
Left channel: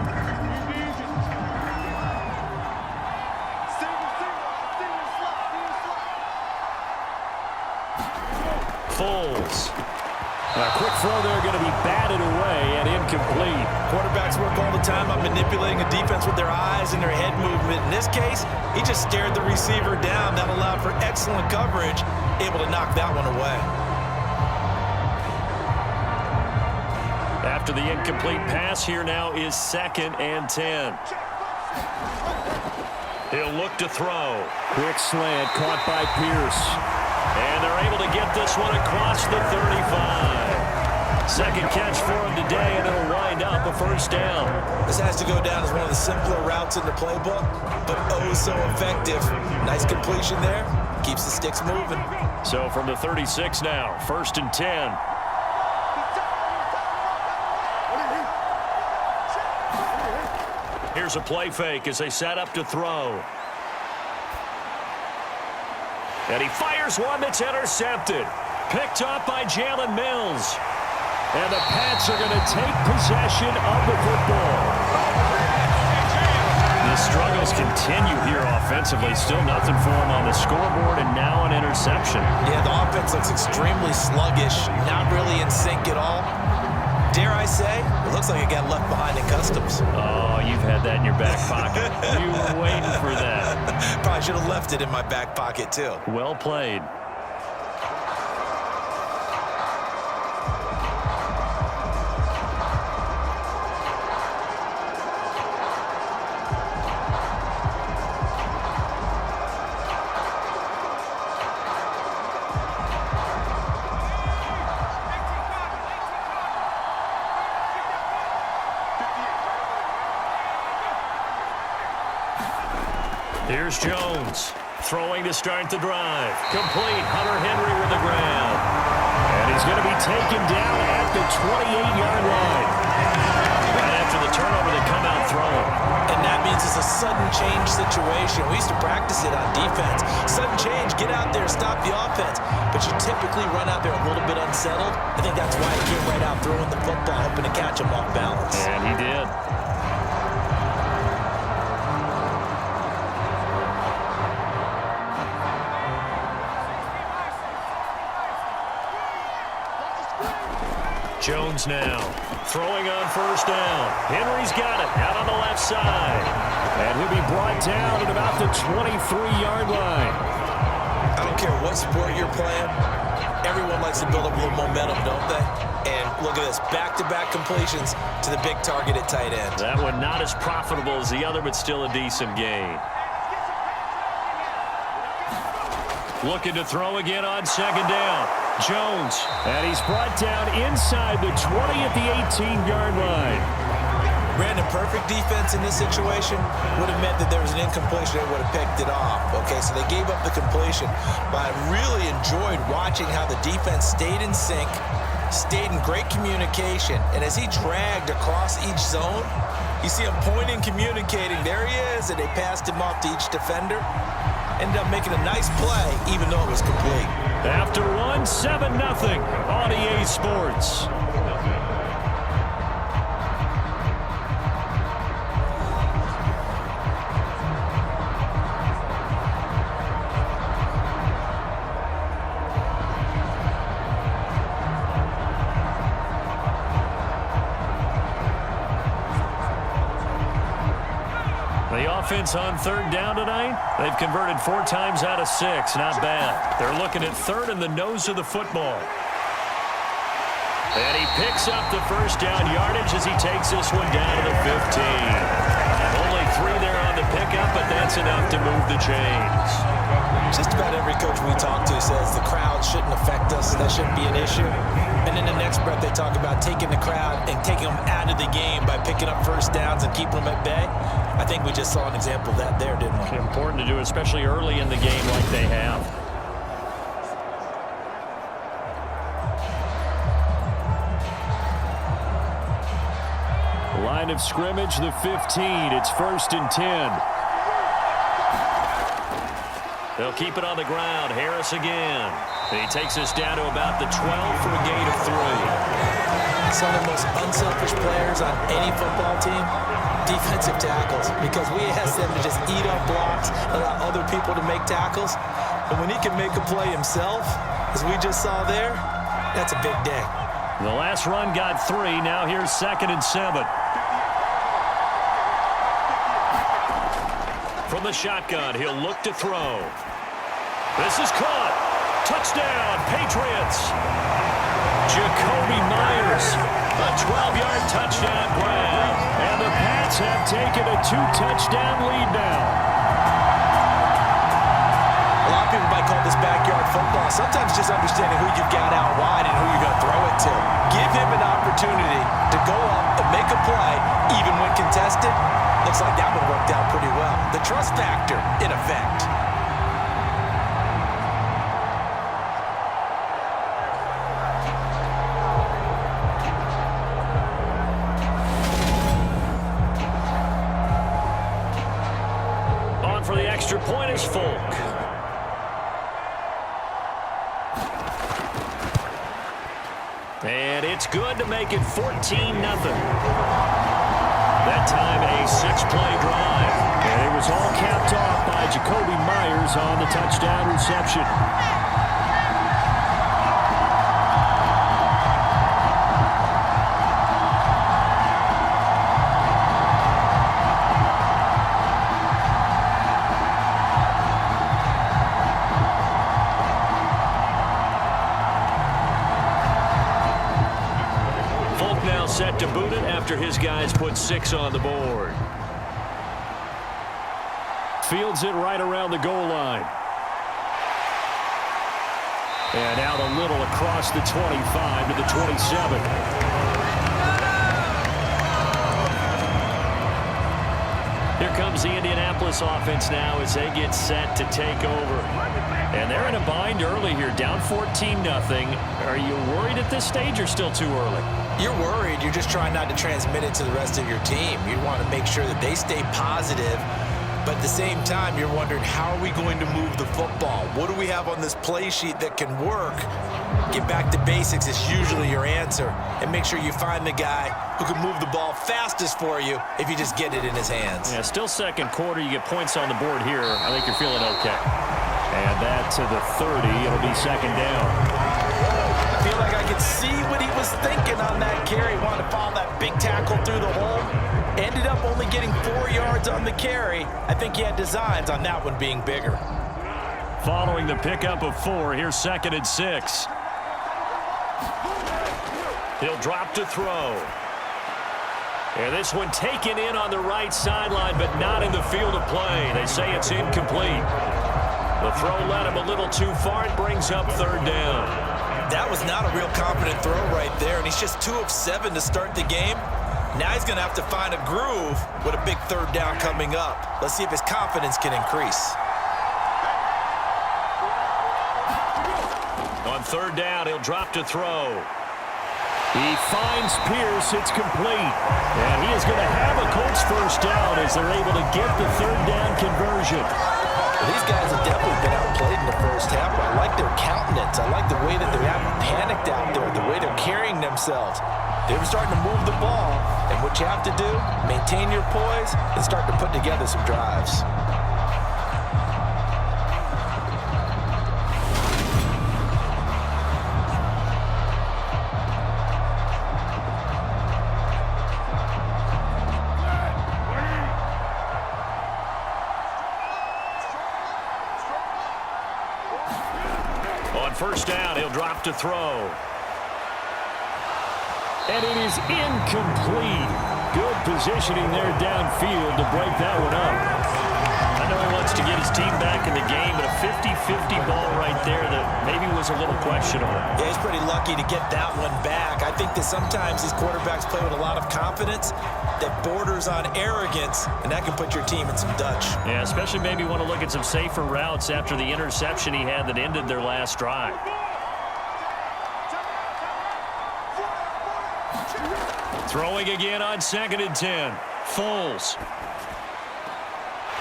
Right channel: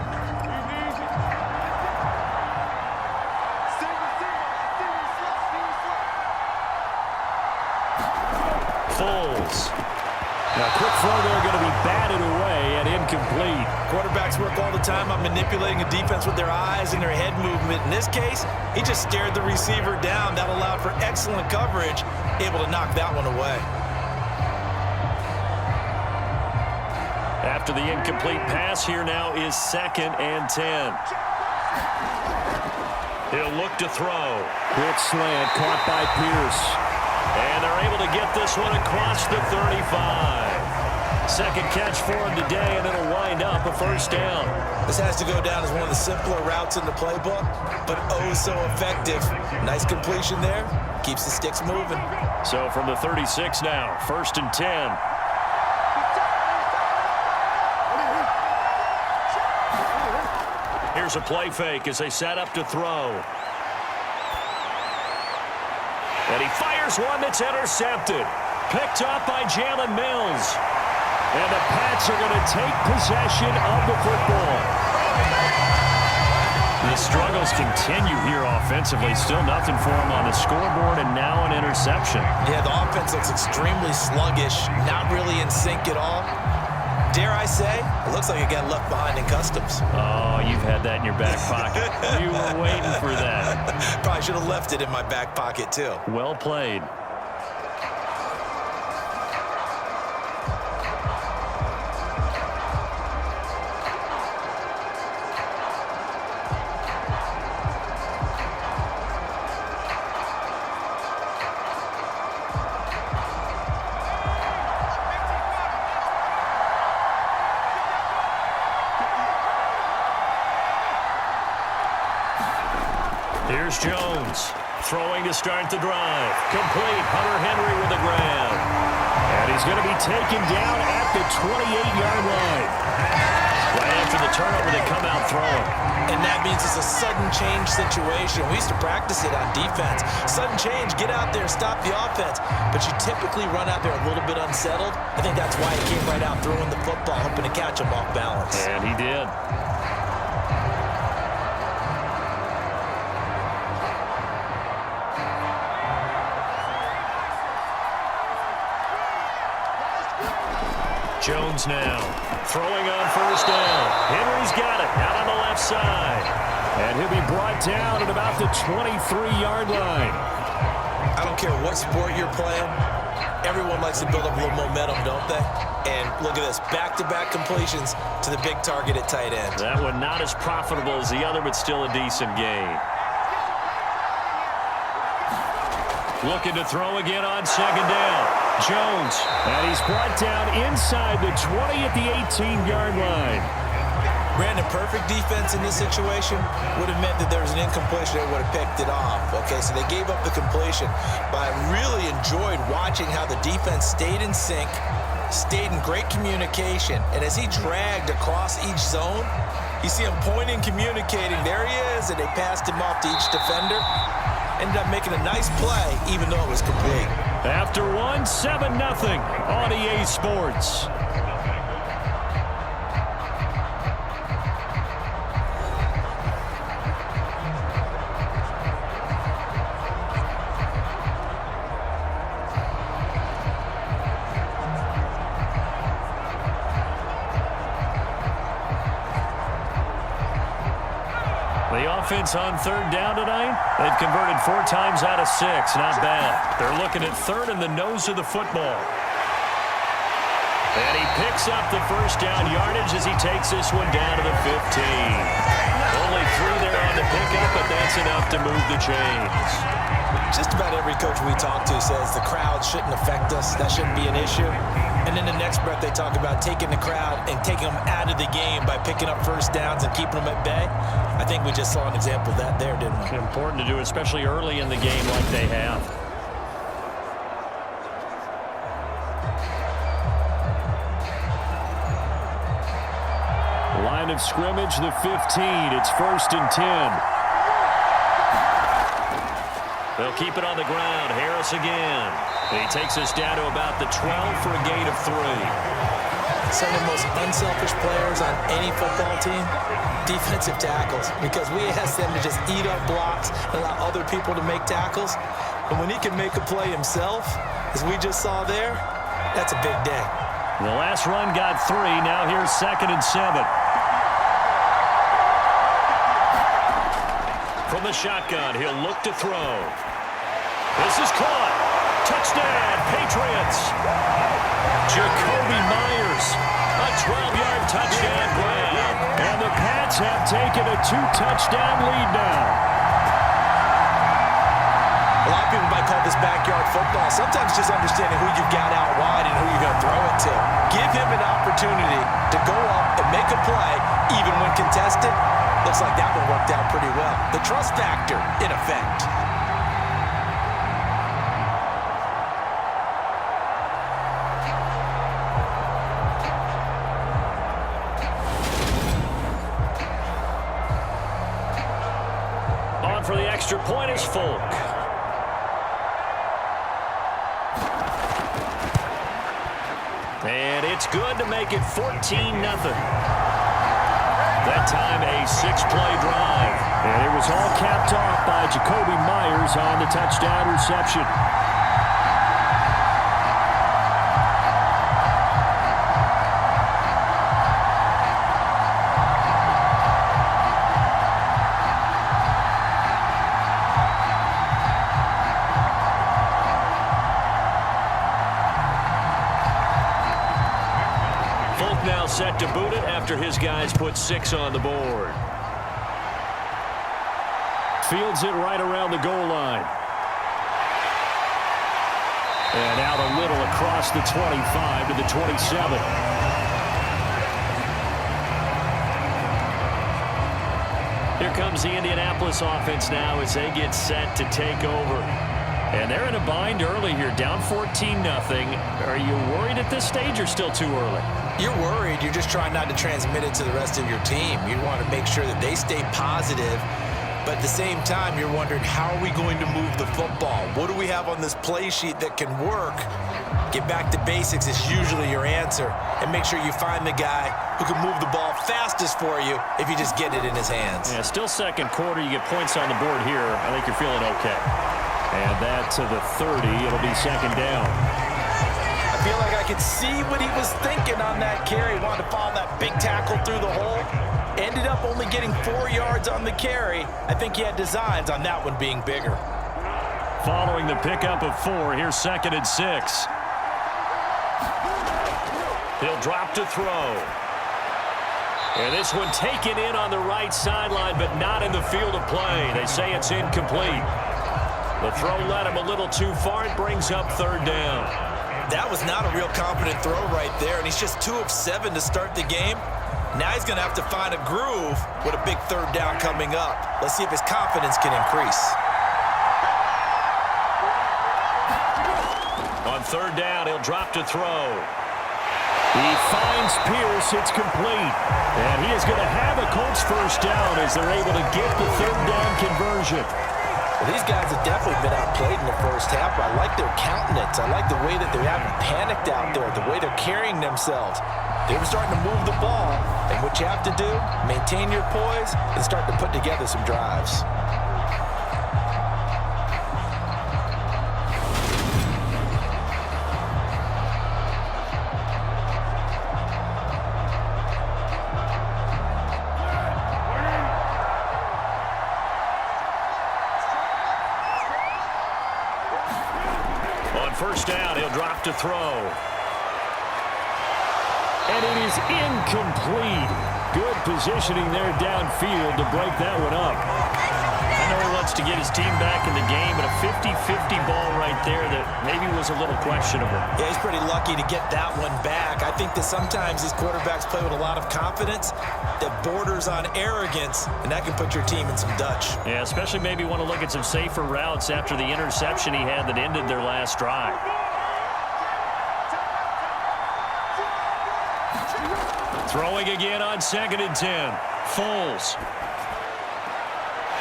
Eagles. Now, quick throw there going to be batted away and incomplete. Quarterbacks work all the time on manipulating a defense with their eyes and their head movement. In this case, he just stared the receiver down. That allowed for excellent coverage, able to knock that one away. After the incomplete pass, here now is 2nd and 10. He'll look to throw. Quick slant caught by Pierce. And they're able to get this one across the 35. Second catch for him today, and it'll wind up a first down. This has to go down as one of the simpler routes in the playbook, but oh so effective. Nice completion there. Keeps the sticks moving. So from the 36 now, 1st and 10. Here's a play fake as they set up to throw. And he fires one that's intercepted. Picked up by Jalen Mills. And the Pats are going to take possession of the football. The struggles continue here offensively. Still nothing for him on the scoreboard, and now an interception. Yeah, the offense looks extremely sluggish, not really in sync at all. Dare I say, it looks like it got left behind in customs. Oh, you've had that in your back pocket. You were waiting for that. Probably should have left it in my back pocket, too. Well played. Here's Jones, throwing to start the drive. Complete, Hunter Henry with the grab. And he's going to be taken down at the 28-yard line. Right after the turnover, they come out throwing. And that means it's a sudden change situation. We used to practice it on defense. Sudden change, get out there, stop the offense. But you typically run out there a little bit unsettled. I think that's why he came right out throwing the football, hoping to catch him off balance. And he did. Jones now, throwing on 1st down. Henry's got it, out on the left side. And he'll be brought down at about the 23-yard line. I don't care what sport you're playing. Everyone likes to build up a little momentum, don't they? And look at this, back-to-back completions to the big target at tight end. That one not as profitable as the other, but still a decent gain. Looking to throw again on 2nd down. Jones, and he's brought down inside the 20 at the 18-yard line. Brandon, perfect defense in this situation would have meant that there was an incompletion. They would have picked it off. Okay, so they gave up the completion. But I really enjoyed watching how the defense stayed in sync, stayed in great communication, and as he dragged across each zone, you see him pointing, communicating. There he is, and they passed him off to each defender. Ended up making a nice play, even though it was complete. After one, 7-0 on EA Sports. The offense on 3rd down tonight, they've converted 4 times out of 6. Not bad. They're looking at 3rd in the nose of the football. And he picks up the 1st down yardage as he takes this one down to the 15. Only 3 there on the pickup, but that's enough to move the chains. Just about every coach we talk to says the crowd shouldn't affect us. That shouldn't be an issue. And in the next breath, they talk about taking the crowd and taking them out of the game by picking up 1st downs and keeping them at bay. I think we just saw an example of that there, didn't we? Important to do, especially early in the game like they have. Line of scrimmage, the 15. It's 1st and 10. They'll keep it on the ground. Harris again. And he takes us down to about the 12 for a gain of 3. Some of the most unselfish players on any football team, defensive tackles, because we ask them to just eat up blocks, allow other people to make tackles. But when he can make a play himself, as we just saw there, That's a big day. The last run got 3. Now here's 2nd and 7. From the shotgun, he'll look to throw. This is caught. Touchdown, Patriots. Jacoby Myers, a 12-yard touchdown grab. And the Pats have taken a 2-touchdown lead now. A lot of people might call this backyard football. Sometimes just understanding who you've got out wide and who you're going to throw it to. Give him an opportunity to go up and make a play, even when contested. Looks like that one worked out pretty well. The trust factor in effect. On for the extra point is Folk. And it's good to make it 14-0. That time a 6-play drive. And it was all capped off by Jacoby Myers on the touchdown reception. Folk now set to boot it after his guys put 6 on the board. Fields it right around the goal line. And out a little across the 25 to the 27. Here comes the Indianapolis offense now as they get set to take over. And they're in a bind early here, down 14-0. Are you worried at this stage or still too early? You're worried. You're just trying not to transmit it to the rest of your team. You want to make sure that they stay positive. But at the same time, you're wondering, how are we going to move the football? What do we have on this play sheet that can work? Get back to basics is usually your answer. And make sure you find the guy who can move the ball fastest for you if you just get it in his hands. Yeah, still second quarter. You get points on the board here. I think you're feeling okay. And that to the 30. It'll be 2nd down. I feel like I could see what he was thinking on that carry. Wanted to follow that big tackle through the hole. Ended up only getting 4 yards on the carry. I think he had designs on that one being bigger. Following the pickup of 4, here's 2nd and 6. He'll drop to throw. And this one taken in on the right sideline, but not in the field of play. They say it's incomplete. The throw led him a little too far. It brings up 3rd down. That was not a real confident throw right there, and he's just 2 of 7 to start the game. Now he's going to have to find a groove with a big 3rd down coming up. Let's see if his confidence can increase. On 3rd down, he'll drop to throw. He finds Pierce. It's complete. And he is going to have a Colts 1st down as they're able to get the 3rd down conversion. Well, these guys have definitely been outplayed in the first half, but I like their countenance. I like the way that they haven't panicked out there, the way they're carrying themselves. They're starting to move the ball, and what you have to do, maintain your poise and start to put together some drives. On 1st down, he'll drop to throw. And it is incomplete. Good positioning there downfield to break that one up. I know he wants to get his team back in the game, but a 50-50 ball right there that maybe was a little questionable. Yeah, he's pretty lucky to get that one back. I think that sometimes these quarterbacks play with a lot of confidence that borders on arrogance, and that can put your team in some Dutch. Yeah, especially maybe want to look at some safer routes after the interception he had that ended their last drive. Throwing again on 2nd and 10. Foles.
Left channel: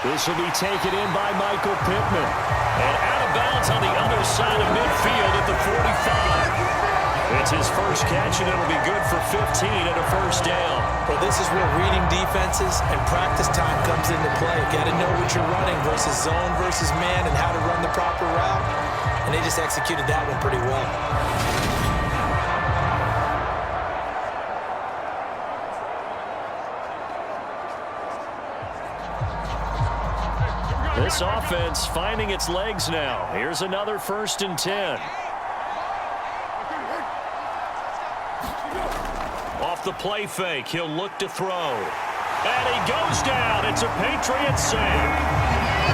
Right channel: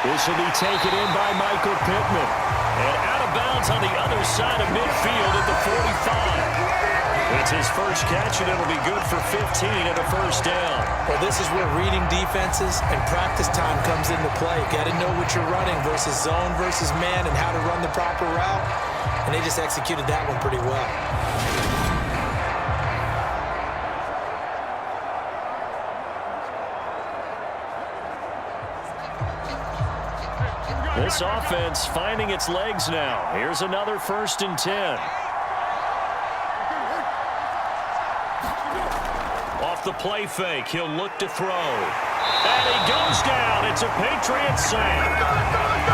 This will be taken in by Michael Pittman. And out of bounds on the other side of midfield at the 45. It's his first catch, and it'll be good for 15 and a 1st down. Well, this is where reading defenses and practice time comes into play. Got to know what you're running versus zone versus man and how to run the proper route. And they just executed that one pretty well. This offense finding its legs now. Here's another 1st and 10. Off the play fake, he'll look to throw. And he goes down. It's a Patriots sack.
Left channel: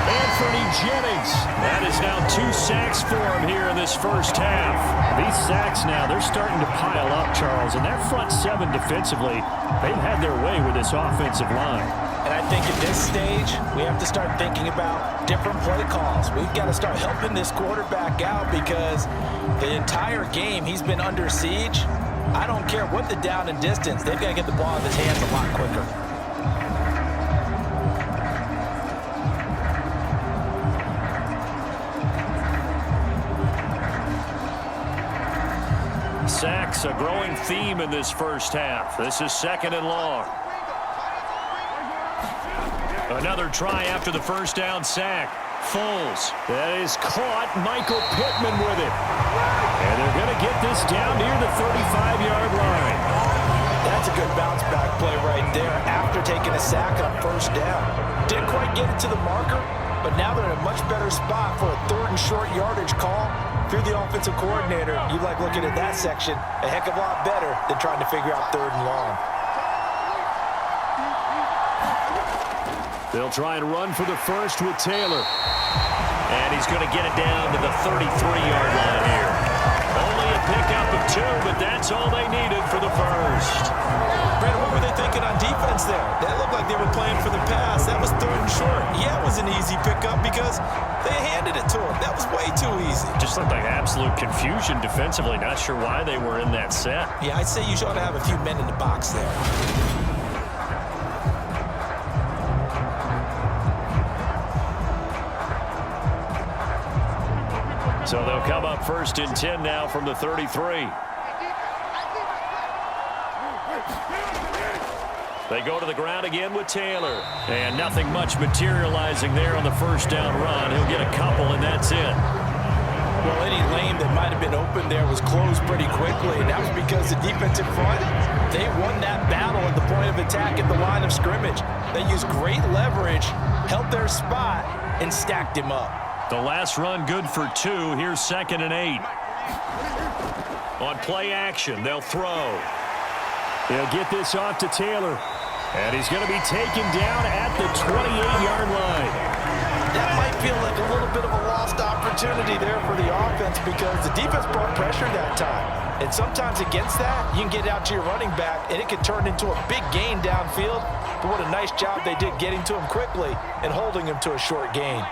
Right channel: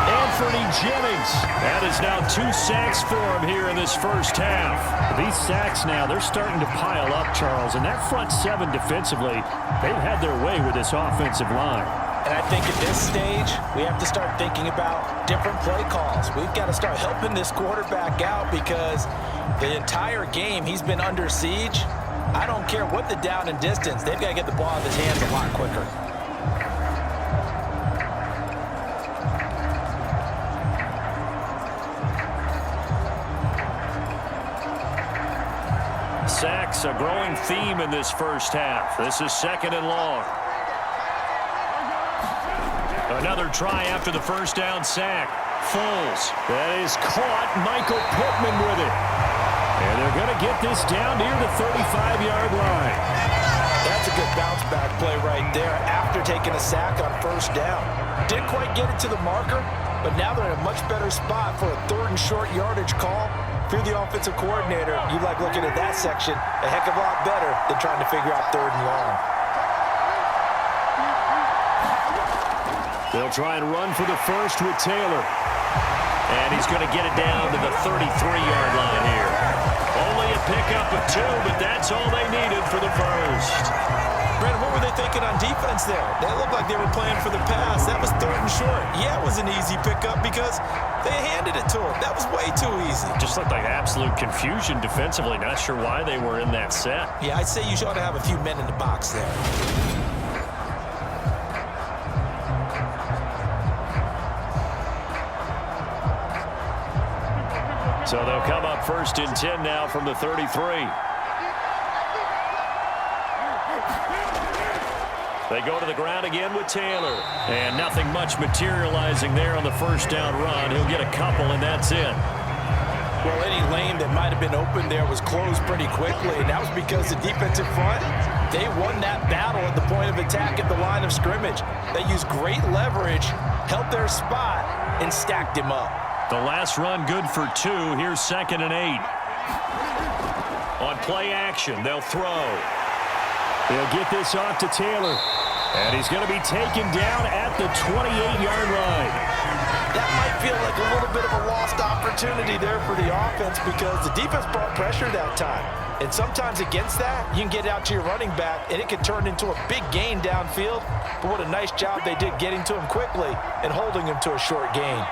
Anthony Jennings. That is now 2 sacks for him here in this first half. These sacks now, they're starting to pile up, Charles. And that front 7 defensively, they've had their way with this offensive line. And I think at this stage, we have to start thinking about different play calls. We've got to start helping this quarterback out because the entire game he's been under siege. I don't care what the down and distance. They've got to get the ball out of his hands a lot quicker. Sacks, a growing theme in this first half. This is 2nd and long. Another try after the first down sack. Foles. That is caught. Michael Pittman with it. And they're going to get this down near the 35-yard line. That's a good bounce back play right there after taking a sack on 1st down. Didn't quite get it to the marker, but now they're in a much better spot for a 3rd and short yardage call. If you're the offensive coordinator, you like looking at that section a heck of a lot better than trying to figure out 3rd and long. They'll try and run for the first with Taylor. And he's going to get it down to the 33-yard line here. Only a pickup of 2, but that's all they needed for the first. Brandon, what were they thinking on defense there? They looked like they were playing for the pass. That was 3rd and short. Yeah, it was an easy pickup because they handed it to him. That was way too easy. Just looked like absolute confusion defensively. Not sure why they were in that set. Yeah, I'd say you ought to have a few men in the box there. So they'll come up 1st and 10 now from the 33. They go to the ground again with Taylor. And nothing much materializing there on the 1st down run. He'll get a couple, and that's it. Well, any lane that might have been open there was closed pretty quickly, and that was because the defensive front, they won that battle at the point of attack at the line of scrimmage. They used great leverage, held their spot, and stacked him up. The last run good for 2. Here's 2nd and 8. On play action, they'll throw. They'll get this off to Taylor. And he's going to be taken down at the 28-yard line. That might feel like a little bit of a lost opportunity there for the offense because the defense brought pressure that time. And sometimes against that, you can get out to your running back, and it can turn into a big gain downfield. But what a nice job they did getting to him quickly and holding him to a short gain.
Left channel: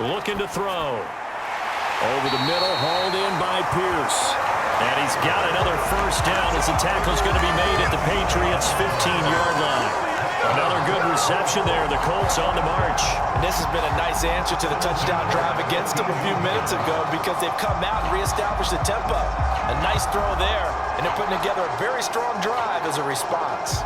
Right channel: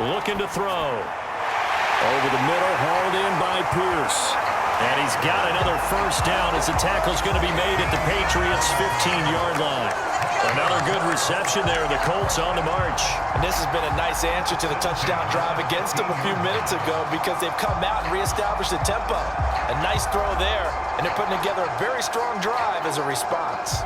Looking to throw. Over the middle, hauled in by Pierce. And he's got another 1st down as the tackle's going to be made at the Patriots' 15-yard line. Another good reception there. The Colts on the march. And this has been a nice answer to the touchdown drive against them a few minutes ago because they've come out and reestablished the tempo. A nice throw there, and they're putting together a very strong drive as a response.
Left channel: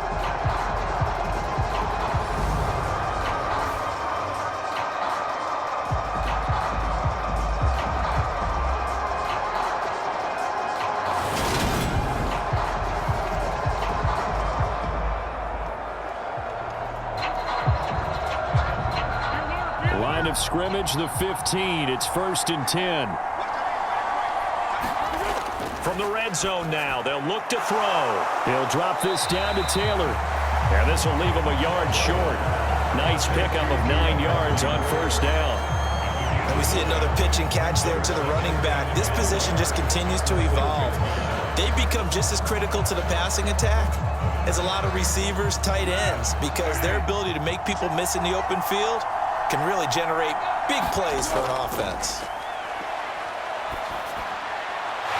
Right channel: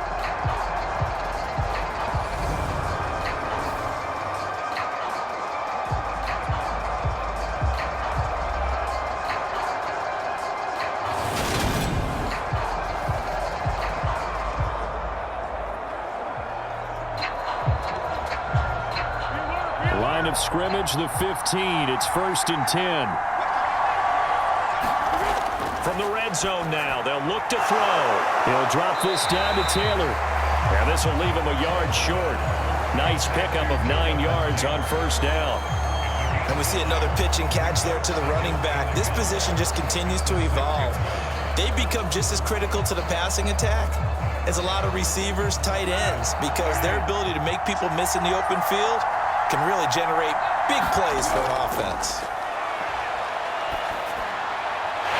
Line of scrimmage, the 15. It's 1st and 10. From the red zone now, they'll look to throw. He'll drop this down to Taylor. And this will leave him a yard short. Nice pickup of 9 yards on 1st down. And we see another pitch and catch there to the running back. This position just continues to evolve. They become just as critical to the passing attack as a lot of receivers, tight ends, because their ability to make people miss in the open field can really generate big plays for an offense.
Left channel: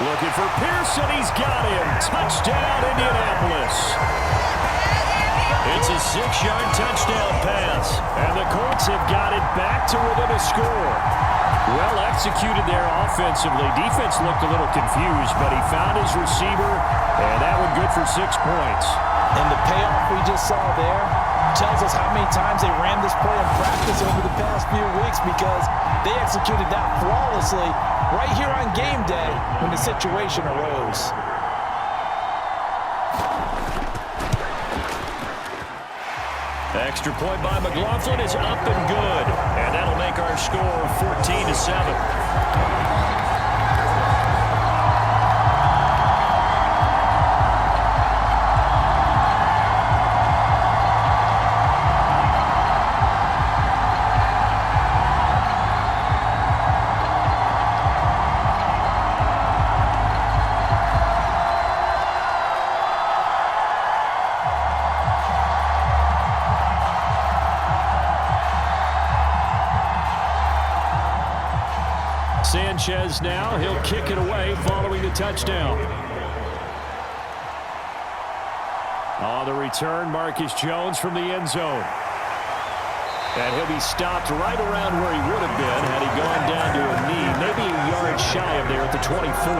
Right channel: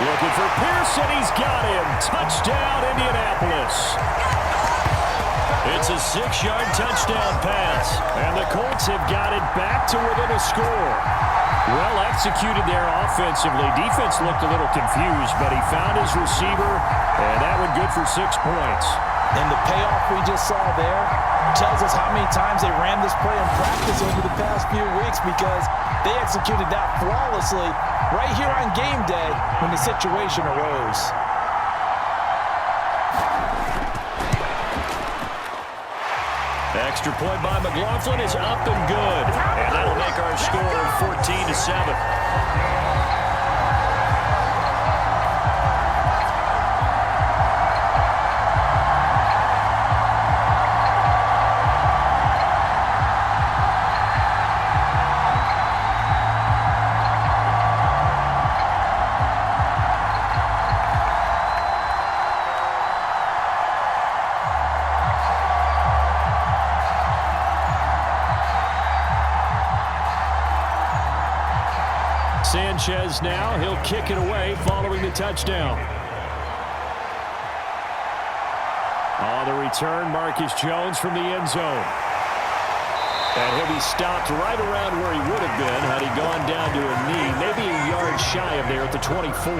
Looking for Pearson. He's got him. Touchdown, Indianapolis. It's a 6-yard touchdown pass. And the Colts have got it back to within a score. Well executed there offensively. Defense looked a little confused, but he found his receiver, and that one good for 6 points. And the payoff we just saw there tells us how many times they ran this play in practice over the past few weeks because they executed that flawlessly right here on game day when the situation arose. Extra point by McLaughlin is up and good. And that'll make our score 14-7. Sanchez now, he'll kick it away following the touchdown. On the return, Marcus Jones from the end zone. And he'll be stopped right around where he would have been had he gone down to a knee, maybe a yard shy of there at the 24.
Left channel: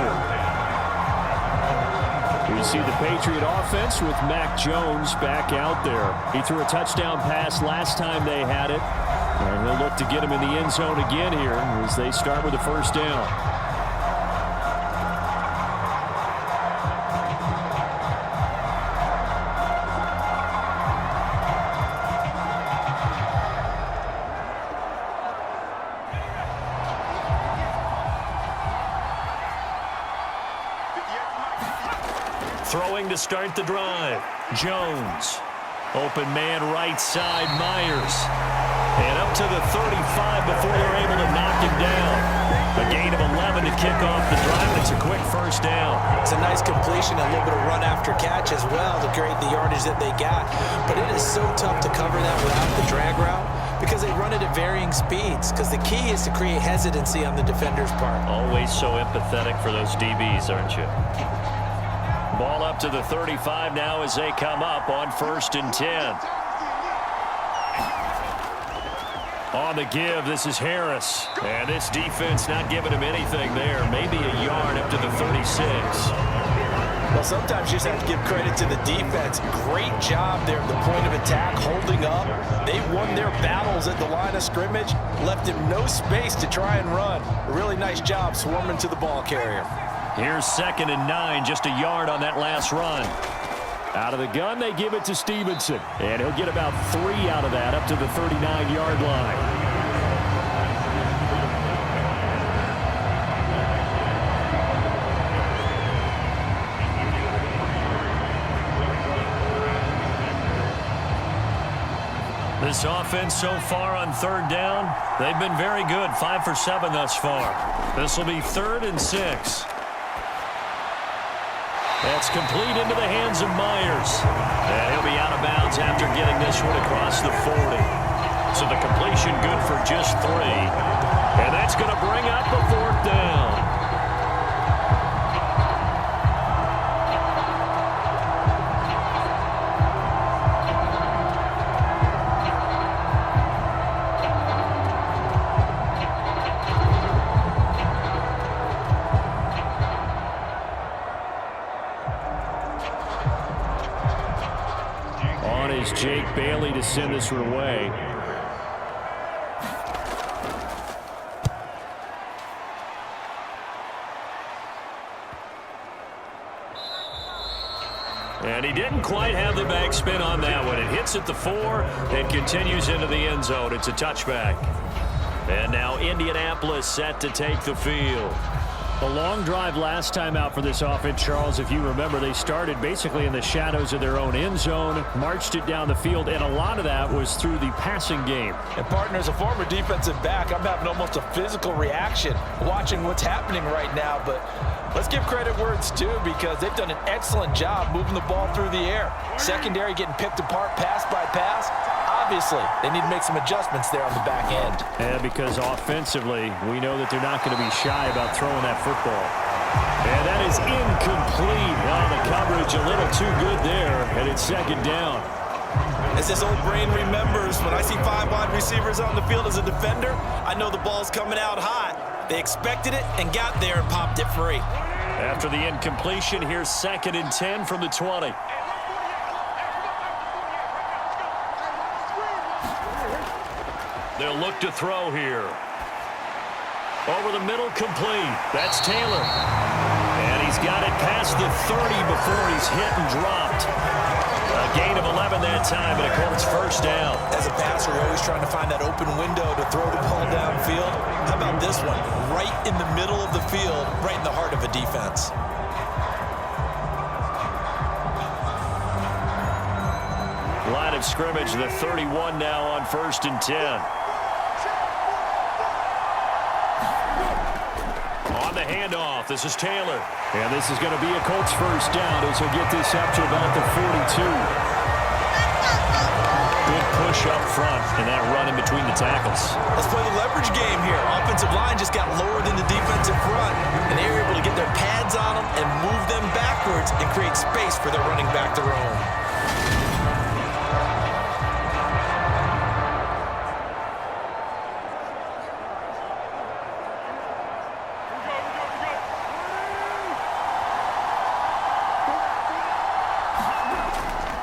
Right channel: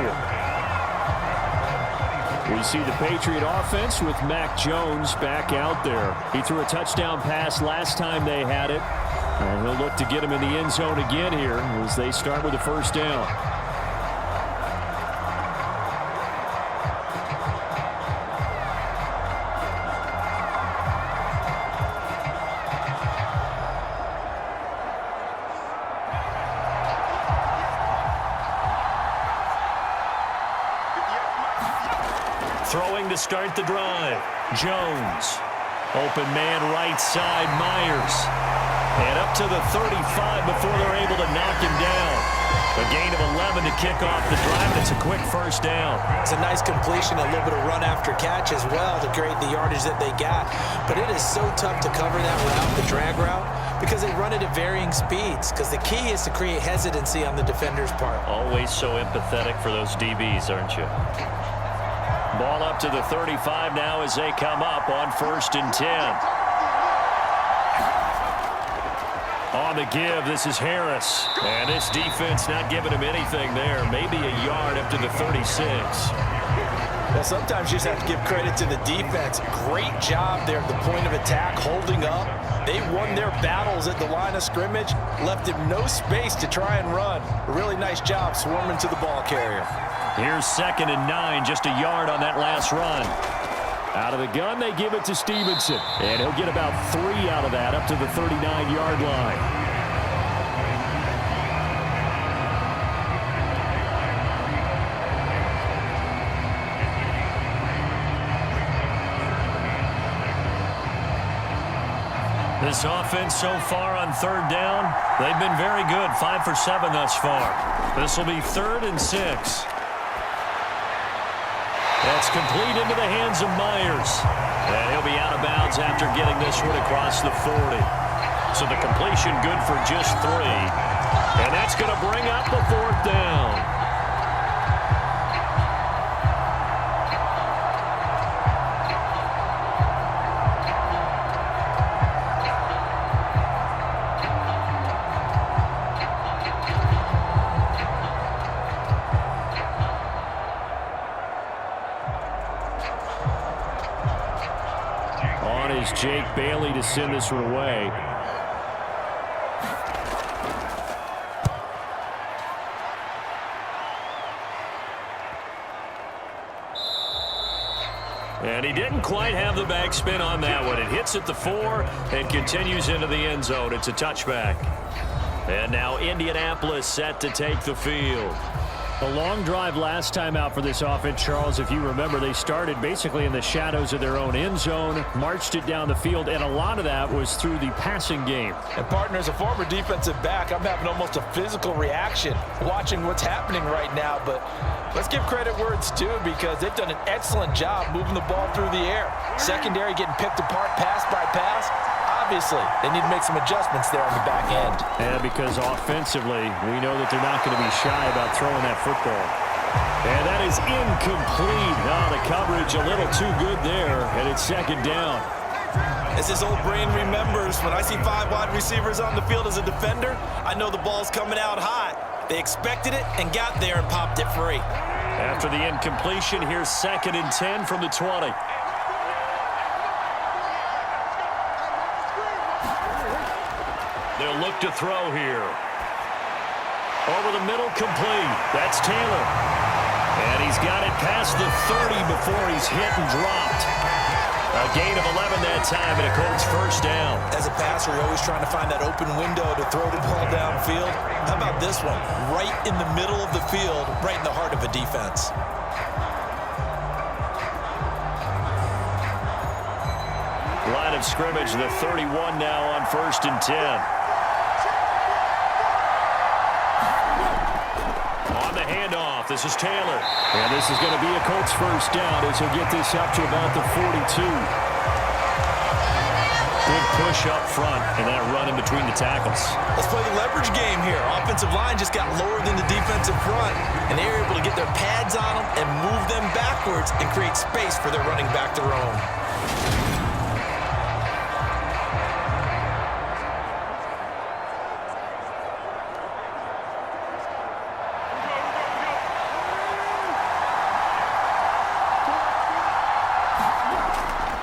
We see the Patriot offense with Mac Jones back out there. He threw a touchdown pass last time they had it. And he'll look to get him in the end zone again here as they start with the first down. Throwing to start the drive. Jones. Open man right side, Myers. And up to the 35 before they're able to knock him down. A gain of 11 to kick off the drive, and it's a quick first down. It's a nice completion, a little bit of run after catch as well to create the yardage that they got. But it is so tough to cover that route, the drag route, because they run it at varying speeds. Because the key is to create hesitancy on the defender's part. Always so empathetic for those DBs, aren't you? Ball up to the 35 now as they come up on 1st and 10. On the give, this is Harris. And this defense not giving him anything there. Maybe a yard up to the 36. Well, sometimes you just have to give credit to the defense. Great job there at the point of attack, holding up. They won their battles at the line of scrimmage, left him no space to try and run. A really nice job swarming to the ball carrier. Here's 2nd and 9, just a yard on that last run. Out of the gun, they give it to Stevenson. And he'll get about 3 out of that up to the 39-yard line. This offense so far on 3rd down, they've been very good. 5 for 7 thus far. This will be 3rd and 6. That's complete into the hands of Myers. And he'll be out of bounds after getting this one across the 40. So the completion good for just 3. And that's going to bring up the 4th down. On is Jake Bailey to send this one away. And he didn't quite have the backspin on that one. It hits at the 4 and continues into the end zone. It's a touchback. And now Indianapolis set to take the field. A long drive last time out for this offense, Charles. If you remember, they started basically in the shadows of their own end zone, marched it down the field, and a lot of that was through the passing game. And partner, as a former defensive back, I'm having almost a physical reaction watching what's happening right now. But let's give credit where it's due, because they've done an excellent job moving the ball through the air. Secondary getting picked apart pass by pass. Obviously, they need to make some adjustments there on the back end. Yeah, because offensively, we know that they're not going to be shy about throwing that football. And that is incomplete. Oh, the coverage a little too good there, and it's 2nd down. As this old brain remembers, when I see 5 wide receivers on the field as a defender, I know the ball's coming out high. They expected it and got there and popped it free. After the incompletion, here's 2nd and 10 from the 20. They'll look to throw here. Over the middle, complete. That's Taylor. And he's got it past the 30 before he's hit and dropped. A gain of 11 that time, and a Colts first down. As a passer, you're always trying to find that open window to throw the ball downfield. How about this one? Right in the middle of the field, right in the heart of a defense. Line of scrimmage, the 31 now on 1st and 10. On the handoff, this is Taylor. And this is going to be a Colts first down as he'll get this up to about the 42. Good push up front, and that run in between the tackles. Let's play the leverage game here. Offensive line just got lower than the defensive front, and they were able to get their pads on them and move them backwards and create space for their running back to roam.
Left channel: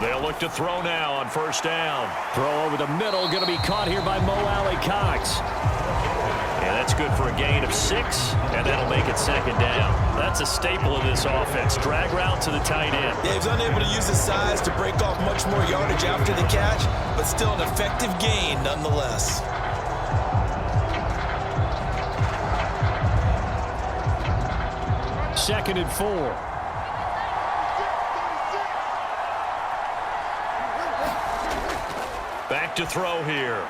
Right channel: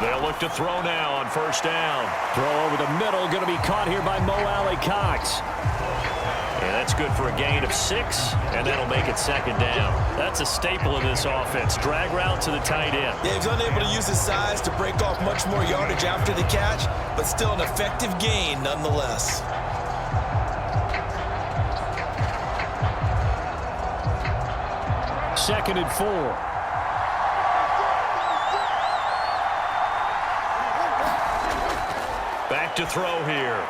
They'll look to throw now on 1st down. Throw over the middle, going to be caught here by Mo Alley-Cox. And that's good for a gain of 6, and that'll make it 2nd down. That's a staple of this offense. Drag route to the tight end. Yeah, he was unable to use his size to break off much more yardage after the catch, but still an effective gain nonetheless. Second and 4. Back to throw here.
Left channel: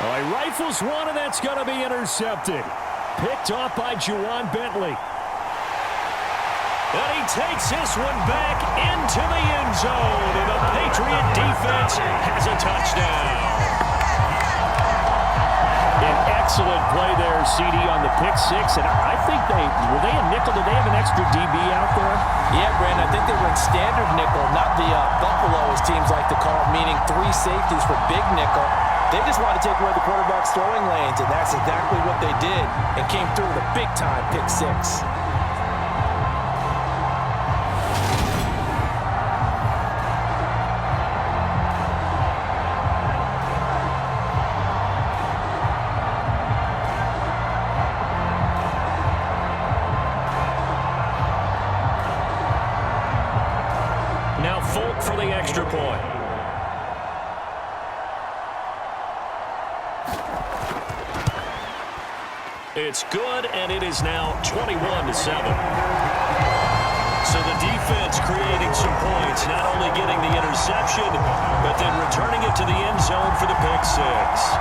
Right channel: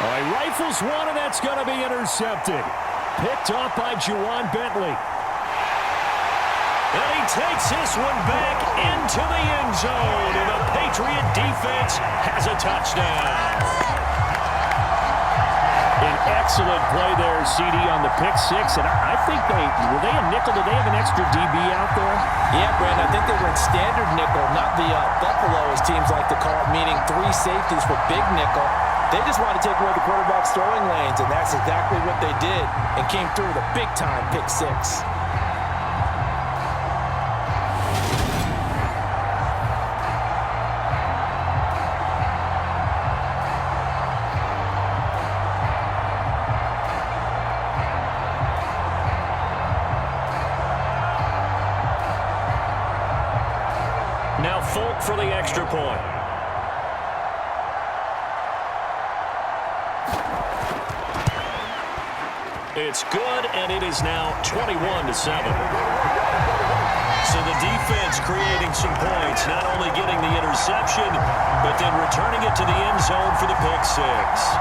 All right, rifles one, and that's going to be intercepted. Picked off by Juwan Bentley. And he takes this one back into the end zone, and the Patriot defense has a touchdown. An excellent play there, CD, on the pick six. And I think were they a nickel? Did they have an extra DB out there? Yeah, Brandon, I think they were in standard nickel, not the Buffalo, as teams like to call it, meaning 3 safeties for big nickel. They just wanted to take away the quarterback's throwing lanes, and that's exactly what they did, and came through with a big-time pick six. Now Folk for the extra point. It's good, and it is now 21-7. So the defense creating some points, not only getting the interception, but then returning it to the end zone for the pick six.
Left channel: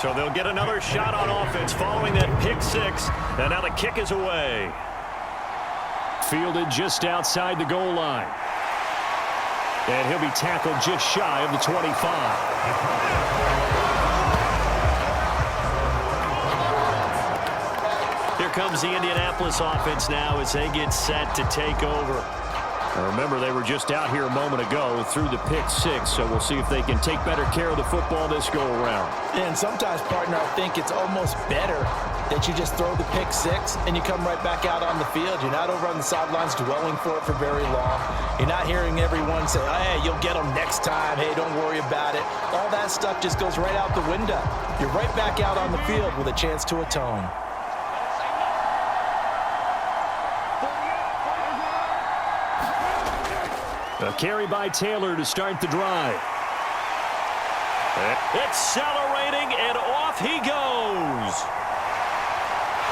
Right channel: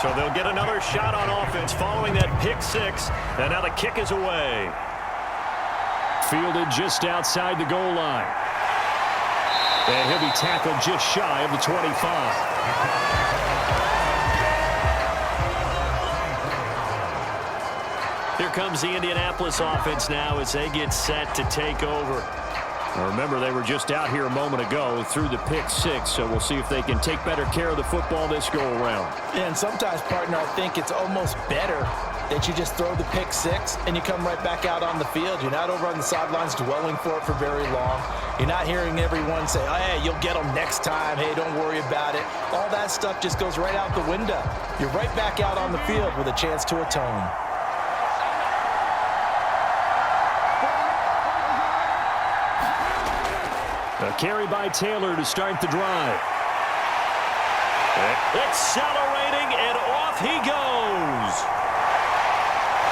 So they'll get another shot on offense following that pick six, and now the kick is away. Fielded just outside the goal line. And he'll be tackled just shy of the 25. Here comes the Indianapolis offense now as they get set to take over. Now remember, they were just out here a moment ago through the pick six, so we'll see if they can take better care of the football this go-around. And sometimes, partner, I think it's almost better that you just throw the pick six and you come right back out on the field. You're not over on the sidelines dwelling for it for very long. You're not hearing everyone say, oh, hey, you'll get them next time. Hey, don't worry about it. All that stuff just goes right out the window. You're right back out on the field with a chance to atone. A carry by Taylor to start the drive. Accelerating, and off he goes.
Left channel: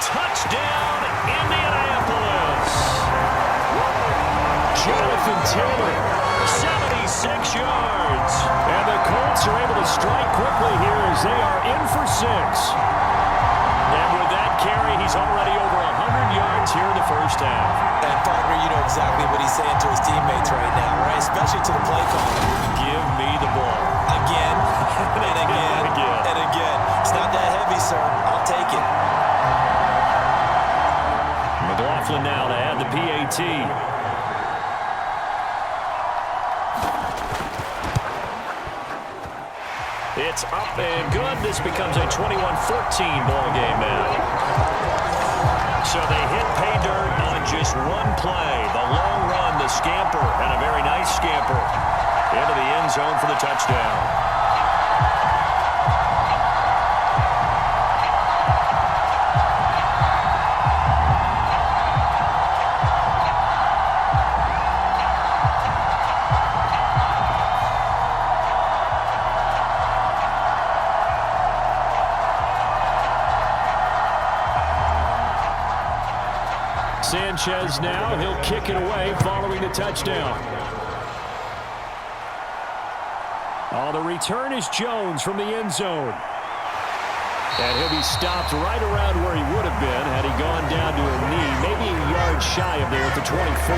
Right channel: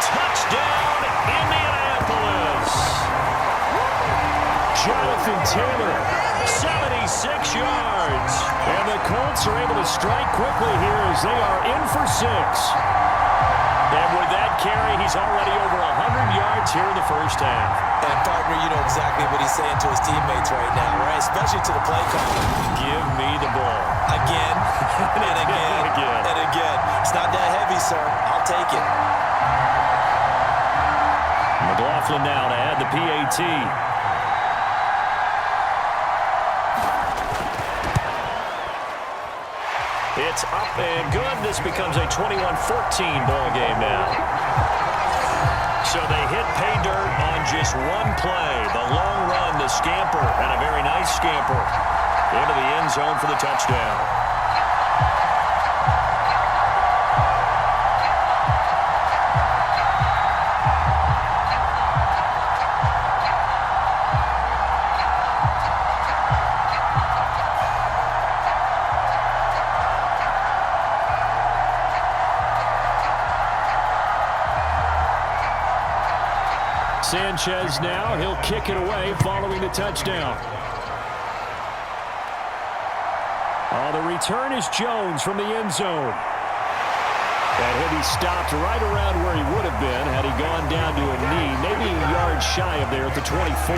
Touchdown, Indianapolis. Jonathan Taylor, 76 yards. and the Colts are able to strike quickly here as they are in for 6. And with that carry, he's already over 100 yards here in the first half. And, partner, you know exactly what he's saying to his teammates right now, right? Especially to the play caller. Give me the ball. Again, and again, and again. It's not that heavy, sir. I'll take it. McLaughlin now to add the PAT. It's up and good. This becomes a 21-14 ball game now. So they hit pay dirt on just one play. The long run, the scamper, and a very nice scamper into the end zone for the touchdown. Sanchez now, he'll kick it away following the touchdown. Oh, the return is Jones from the end zone. And he'll be stopped right around where he would have been had he gone down to a knee, maybe a yard shy of there at the 24.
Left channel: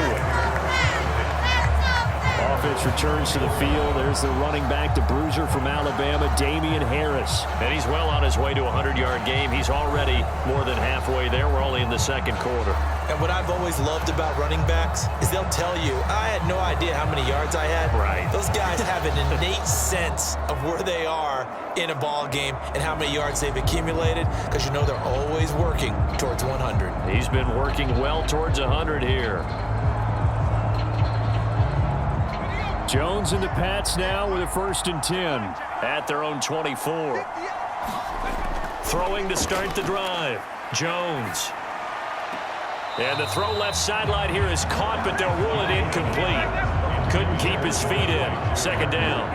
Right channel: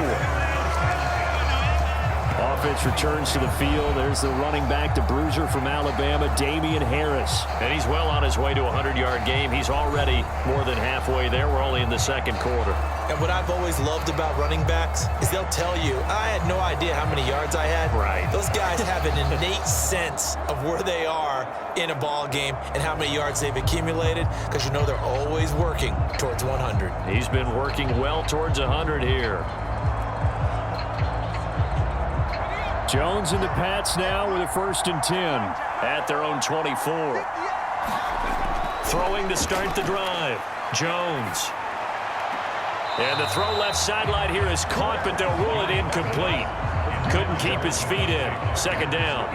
Offense returns to the field. There's the running back, the bruiser from Alabama, Damian Harris. And he's well on his way to a 100-yard game. He's already more than halfway there. We're only in the second quarter. And what I've always loved about running backs is they'll tell you, I had no idea how many yards I had. Right. Those guys have an innate sense of where they are in a ball game and how many yards they've accumulated, because you know they're always working towards 100. He's been working well towards 100 here. Jones and the Pats now with a 1st and 10. At their own 24. Throwing to start the drive. Jones. And the throw left sideline here is caught, but they'll rule it incomplete. Couldn't keep his feet in. 2nd down.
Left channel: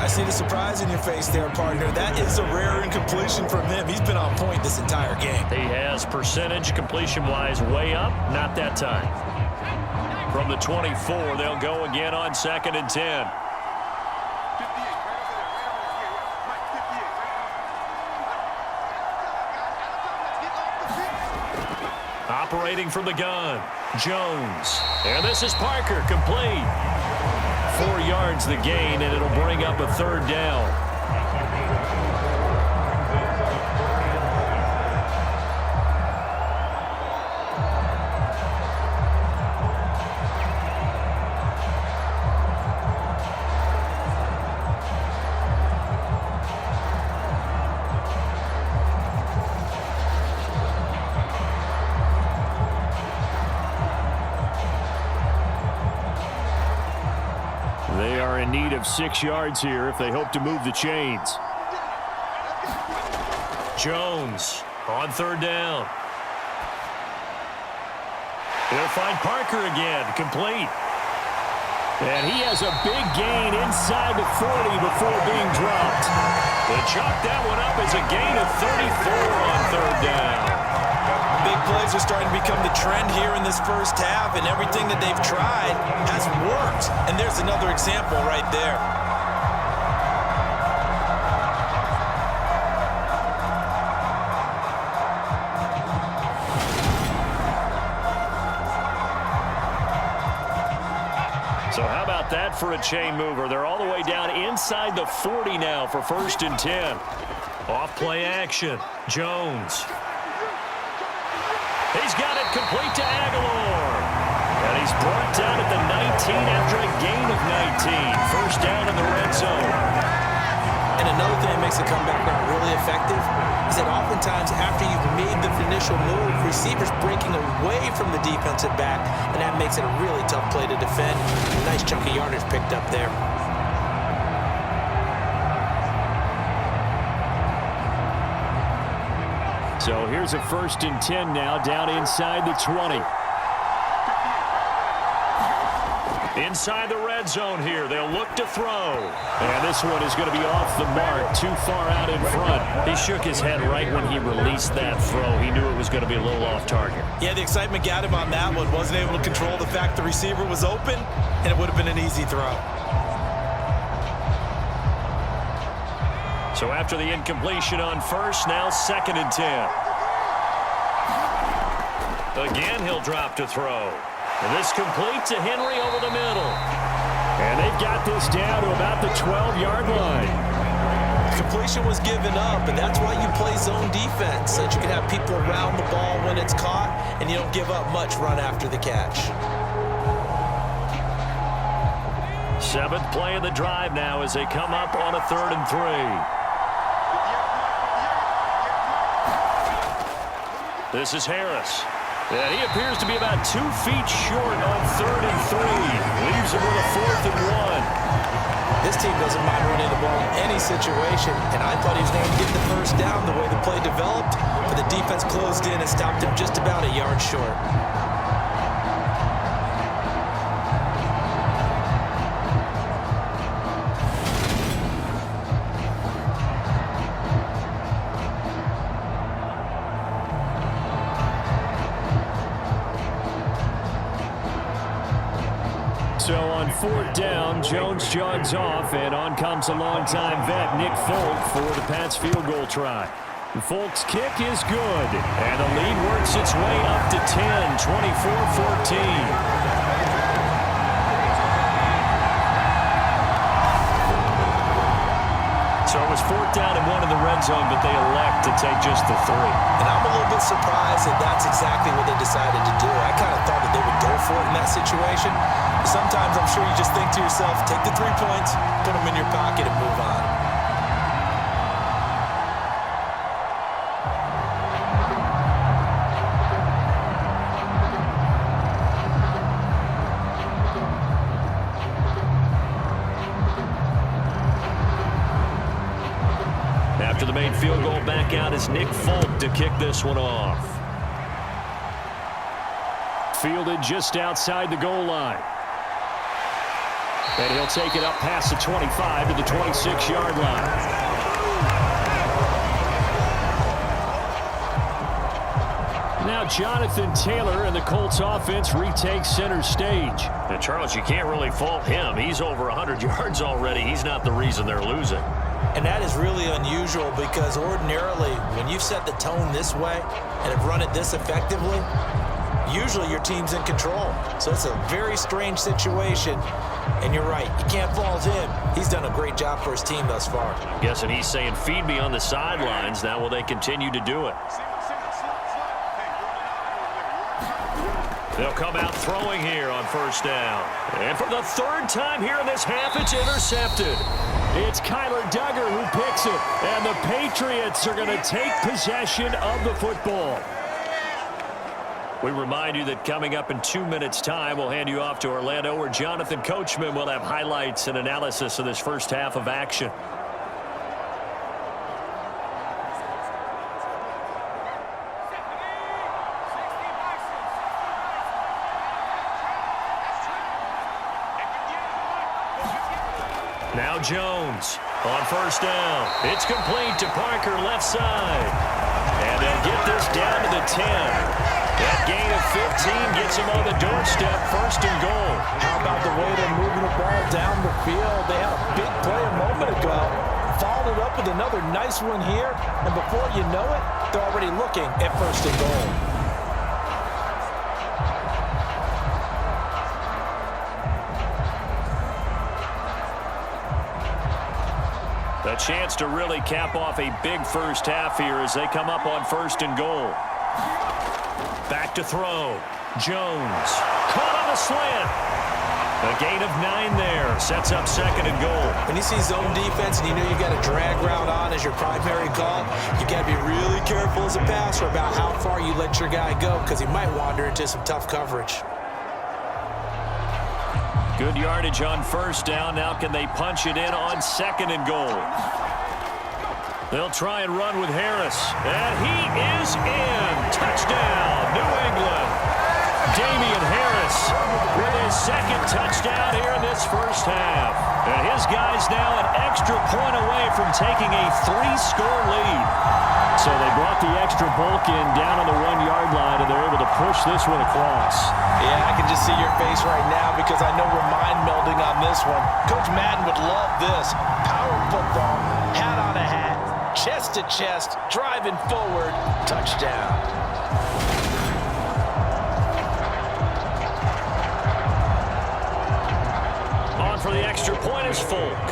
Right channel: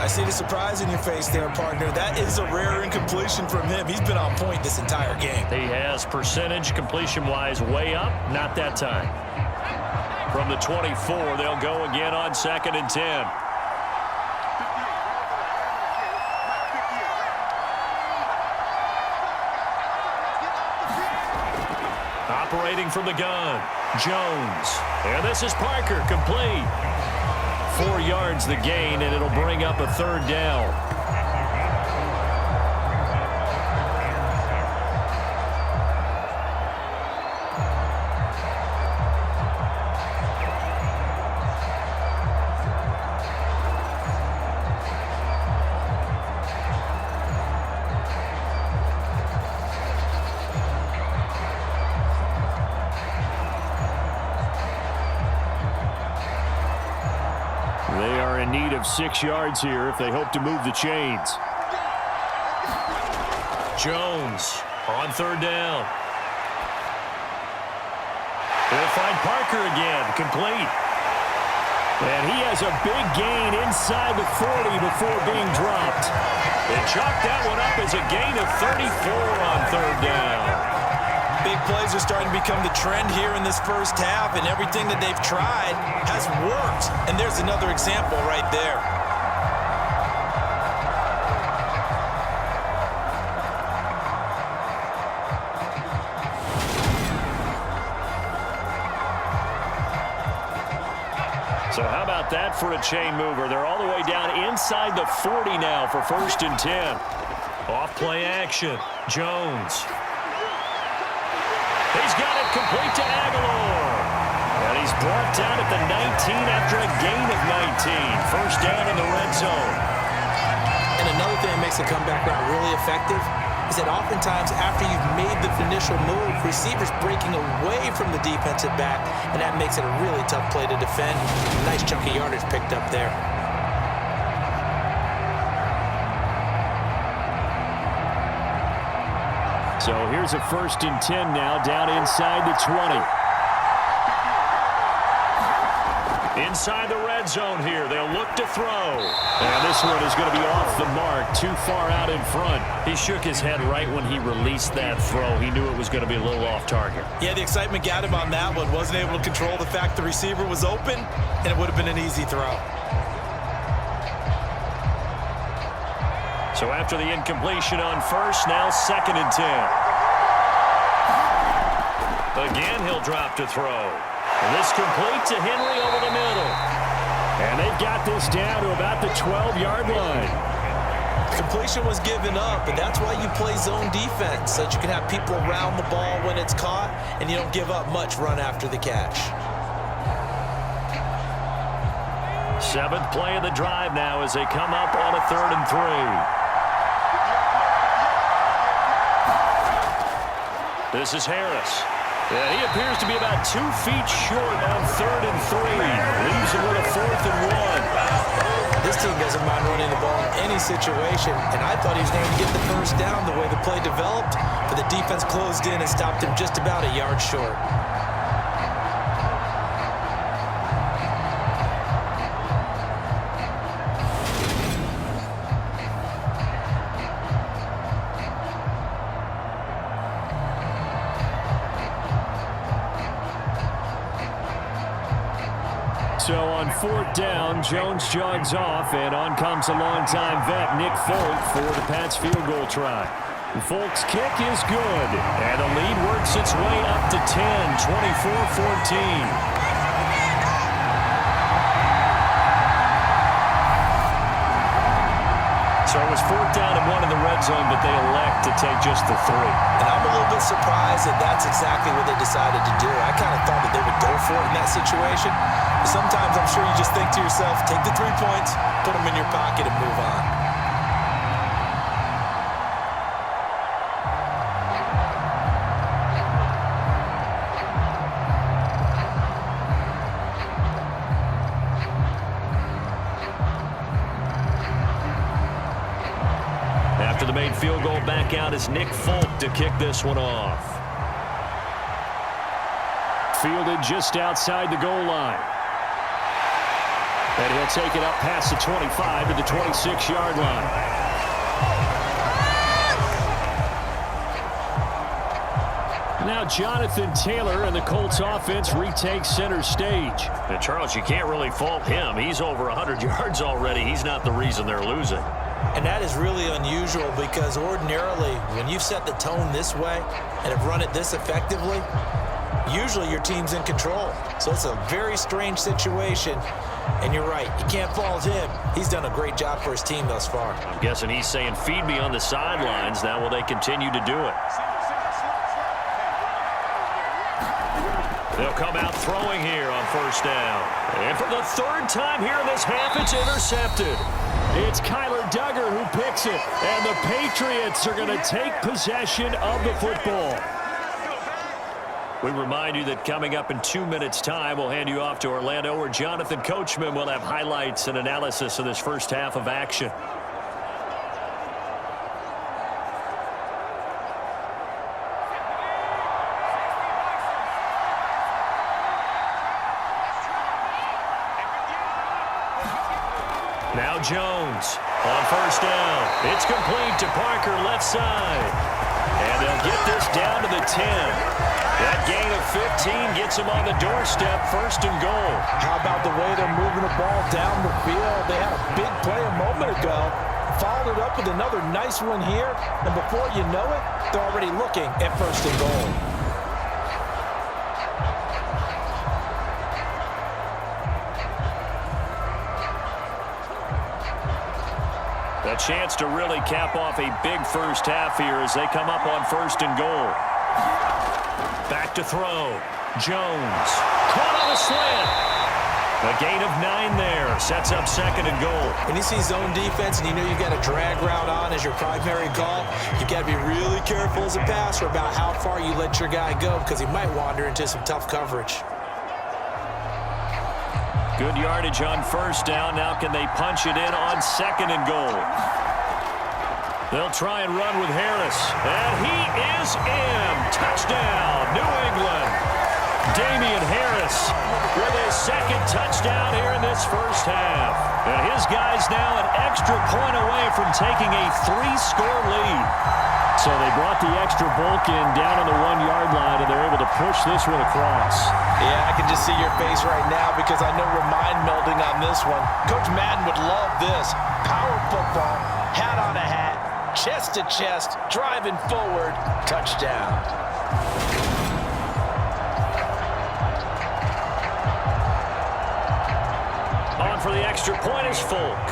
I see the surprise in your face there, partner. That is a rare incompletion from him. He's been on point this entire game. He has percentage completion-wise way up. Not that time. From the 24, they'll go again on 2nd and 10. Operating from the gun, Jones. And this is Parker, complete. 4 yards the gain, and it'll bring up a 3rd down. They are in need of 6 yards here if they hope to move the chains. Jones on 3rd down. He'll find Parker again, complete. And he has a big gain inside the 40 before being dropped. They chalk that one up as a gain of 34 on 3rd down. Big plays are starting to become the trend here in this first half, and everything that they've tried has worked. And there's another example right there. So how about that for a chain mover? They're all the way down inside the 40 now for 1st and 10. Off play action. Jones. He's got it complete to Aguilar. And he's brought down at the 19 after a gain of 19. 1st down in the red zone. And another thing that makes the comeback route really effective is that oftentimes after you've made the initial move, receivers breaking away from the defensive back, and that makes it a really tough play to defend. A nice chunk of yardage picked up there. So here's a 1st and 10 now down inside the 20. Inside the red zone here. They'll look to throw. And this one is going to be off the mark, too far out in front. He shook his head right when he released that throw. He knew it was going to be a little off target. Yeah, the excitement got him on that one. Wasn't able to control the fact the receiver was open, and it would have been an easy throw. So after the incompletion on 1st, now 2nd and 10. Again, he'll drop to throw. And this complete to Henry over the middle. And they've got this down to about the 12-yard line. Completion was given up, and that's why you play zone defense, so that you can have people around the ball when it's caught, and you don't give up much run after the catch. 7th play of the drive now as they come up on a 3rd and 3. This is Harris. And he appears to be about 2 feet short on 3rd and 3. Leaves him with a 4th and 1. This team doesn't mind running the ball in any situation, and I thought he was going to get the first down the way the play developed, but the defense closed in and stopped him just about a yard short. So on 4th down, Jones jogs off, and on comes a longtime vet, Nick Folk, for the Pats field goal try. Folk's kick is good, and the lead works its way up to 10, 24-14. So it was 4th down and 1 in the red zone, but they elect to take just the 3. And I'm a little bit surprised that that's exactly what they decided to do. I kind of thought that they would go for it in that situation. But sometimes I'm sure you just think to yourself, take the 3 points, put them in your pocket, and move on. After the made field goal, back out is Nick Folk to kick this one off. Fielded just outside the goal line. And he'll take it up past the 25 to the 26-yard line. Now Jonathan Taylor and the Colts offense retakes center stage. And Charles, you can't really fault him. He's over 100 yards already. He's not the reason they're losing. And that is really unusual because ordinarily when you've set the tone this way and have run it this effectively, usually your team's in control. So it's a very strange situation. And you're right, you can't fault him. He's done a great job for his team thus far. I'm guessing he's saying, feed me on the sidelines. Now will they continue to do it? They'll come out throwing here on 1st down. And for the 3rd time here in this half, it's intercepted. It's Kyler Duggar who picks it, and the Patriots are going to take possession of the football. We remind you that coming up in 2 minutes' time, we'll hand you off to Orlando, where Jonathan Coachman will have highlights and analysis of this first half of action. Now Jones on 1st down. It's complete to Parker, left side. And they'll get this down to the 10. That gain of 15 gets them on the doorstep, 1st and goal. How about the way they're moving the ball down the field? They had a big play a moment ago, followed it up with another nice one here, and before you know it, they're already looking at 1st and goal. A chance to really cap off a big first half here as they come up on 1st and goal. Back to throw. Jones caught on a slant. A gain of 9 there. Sets up 2nd and goal. When you see zone defense and you know you've got a drag route on as your primary call, you've got to be really careful as a passer about how far you let your guy go because he might wander into some tough coverage. Good yardage on 1st down. Now can they punch it in on 2nd and goal? They'll try and run with Harris. And he is in. Touchdown, New England. Damian Harris with his 2nd touchdown here in this first half. And his guy's now an extra point away from taking a 3-score lead. So they brought the extra bulk in down on the 1-yard line, and they're able to push this one across. Yeah, I can just see your face right now because I know we're mind melding on this one. Coach Madden would love this. Power football, hat on a hat, chest to chest, driving forward, touchdown. On for the extra point is Folk.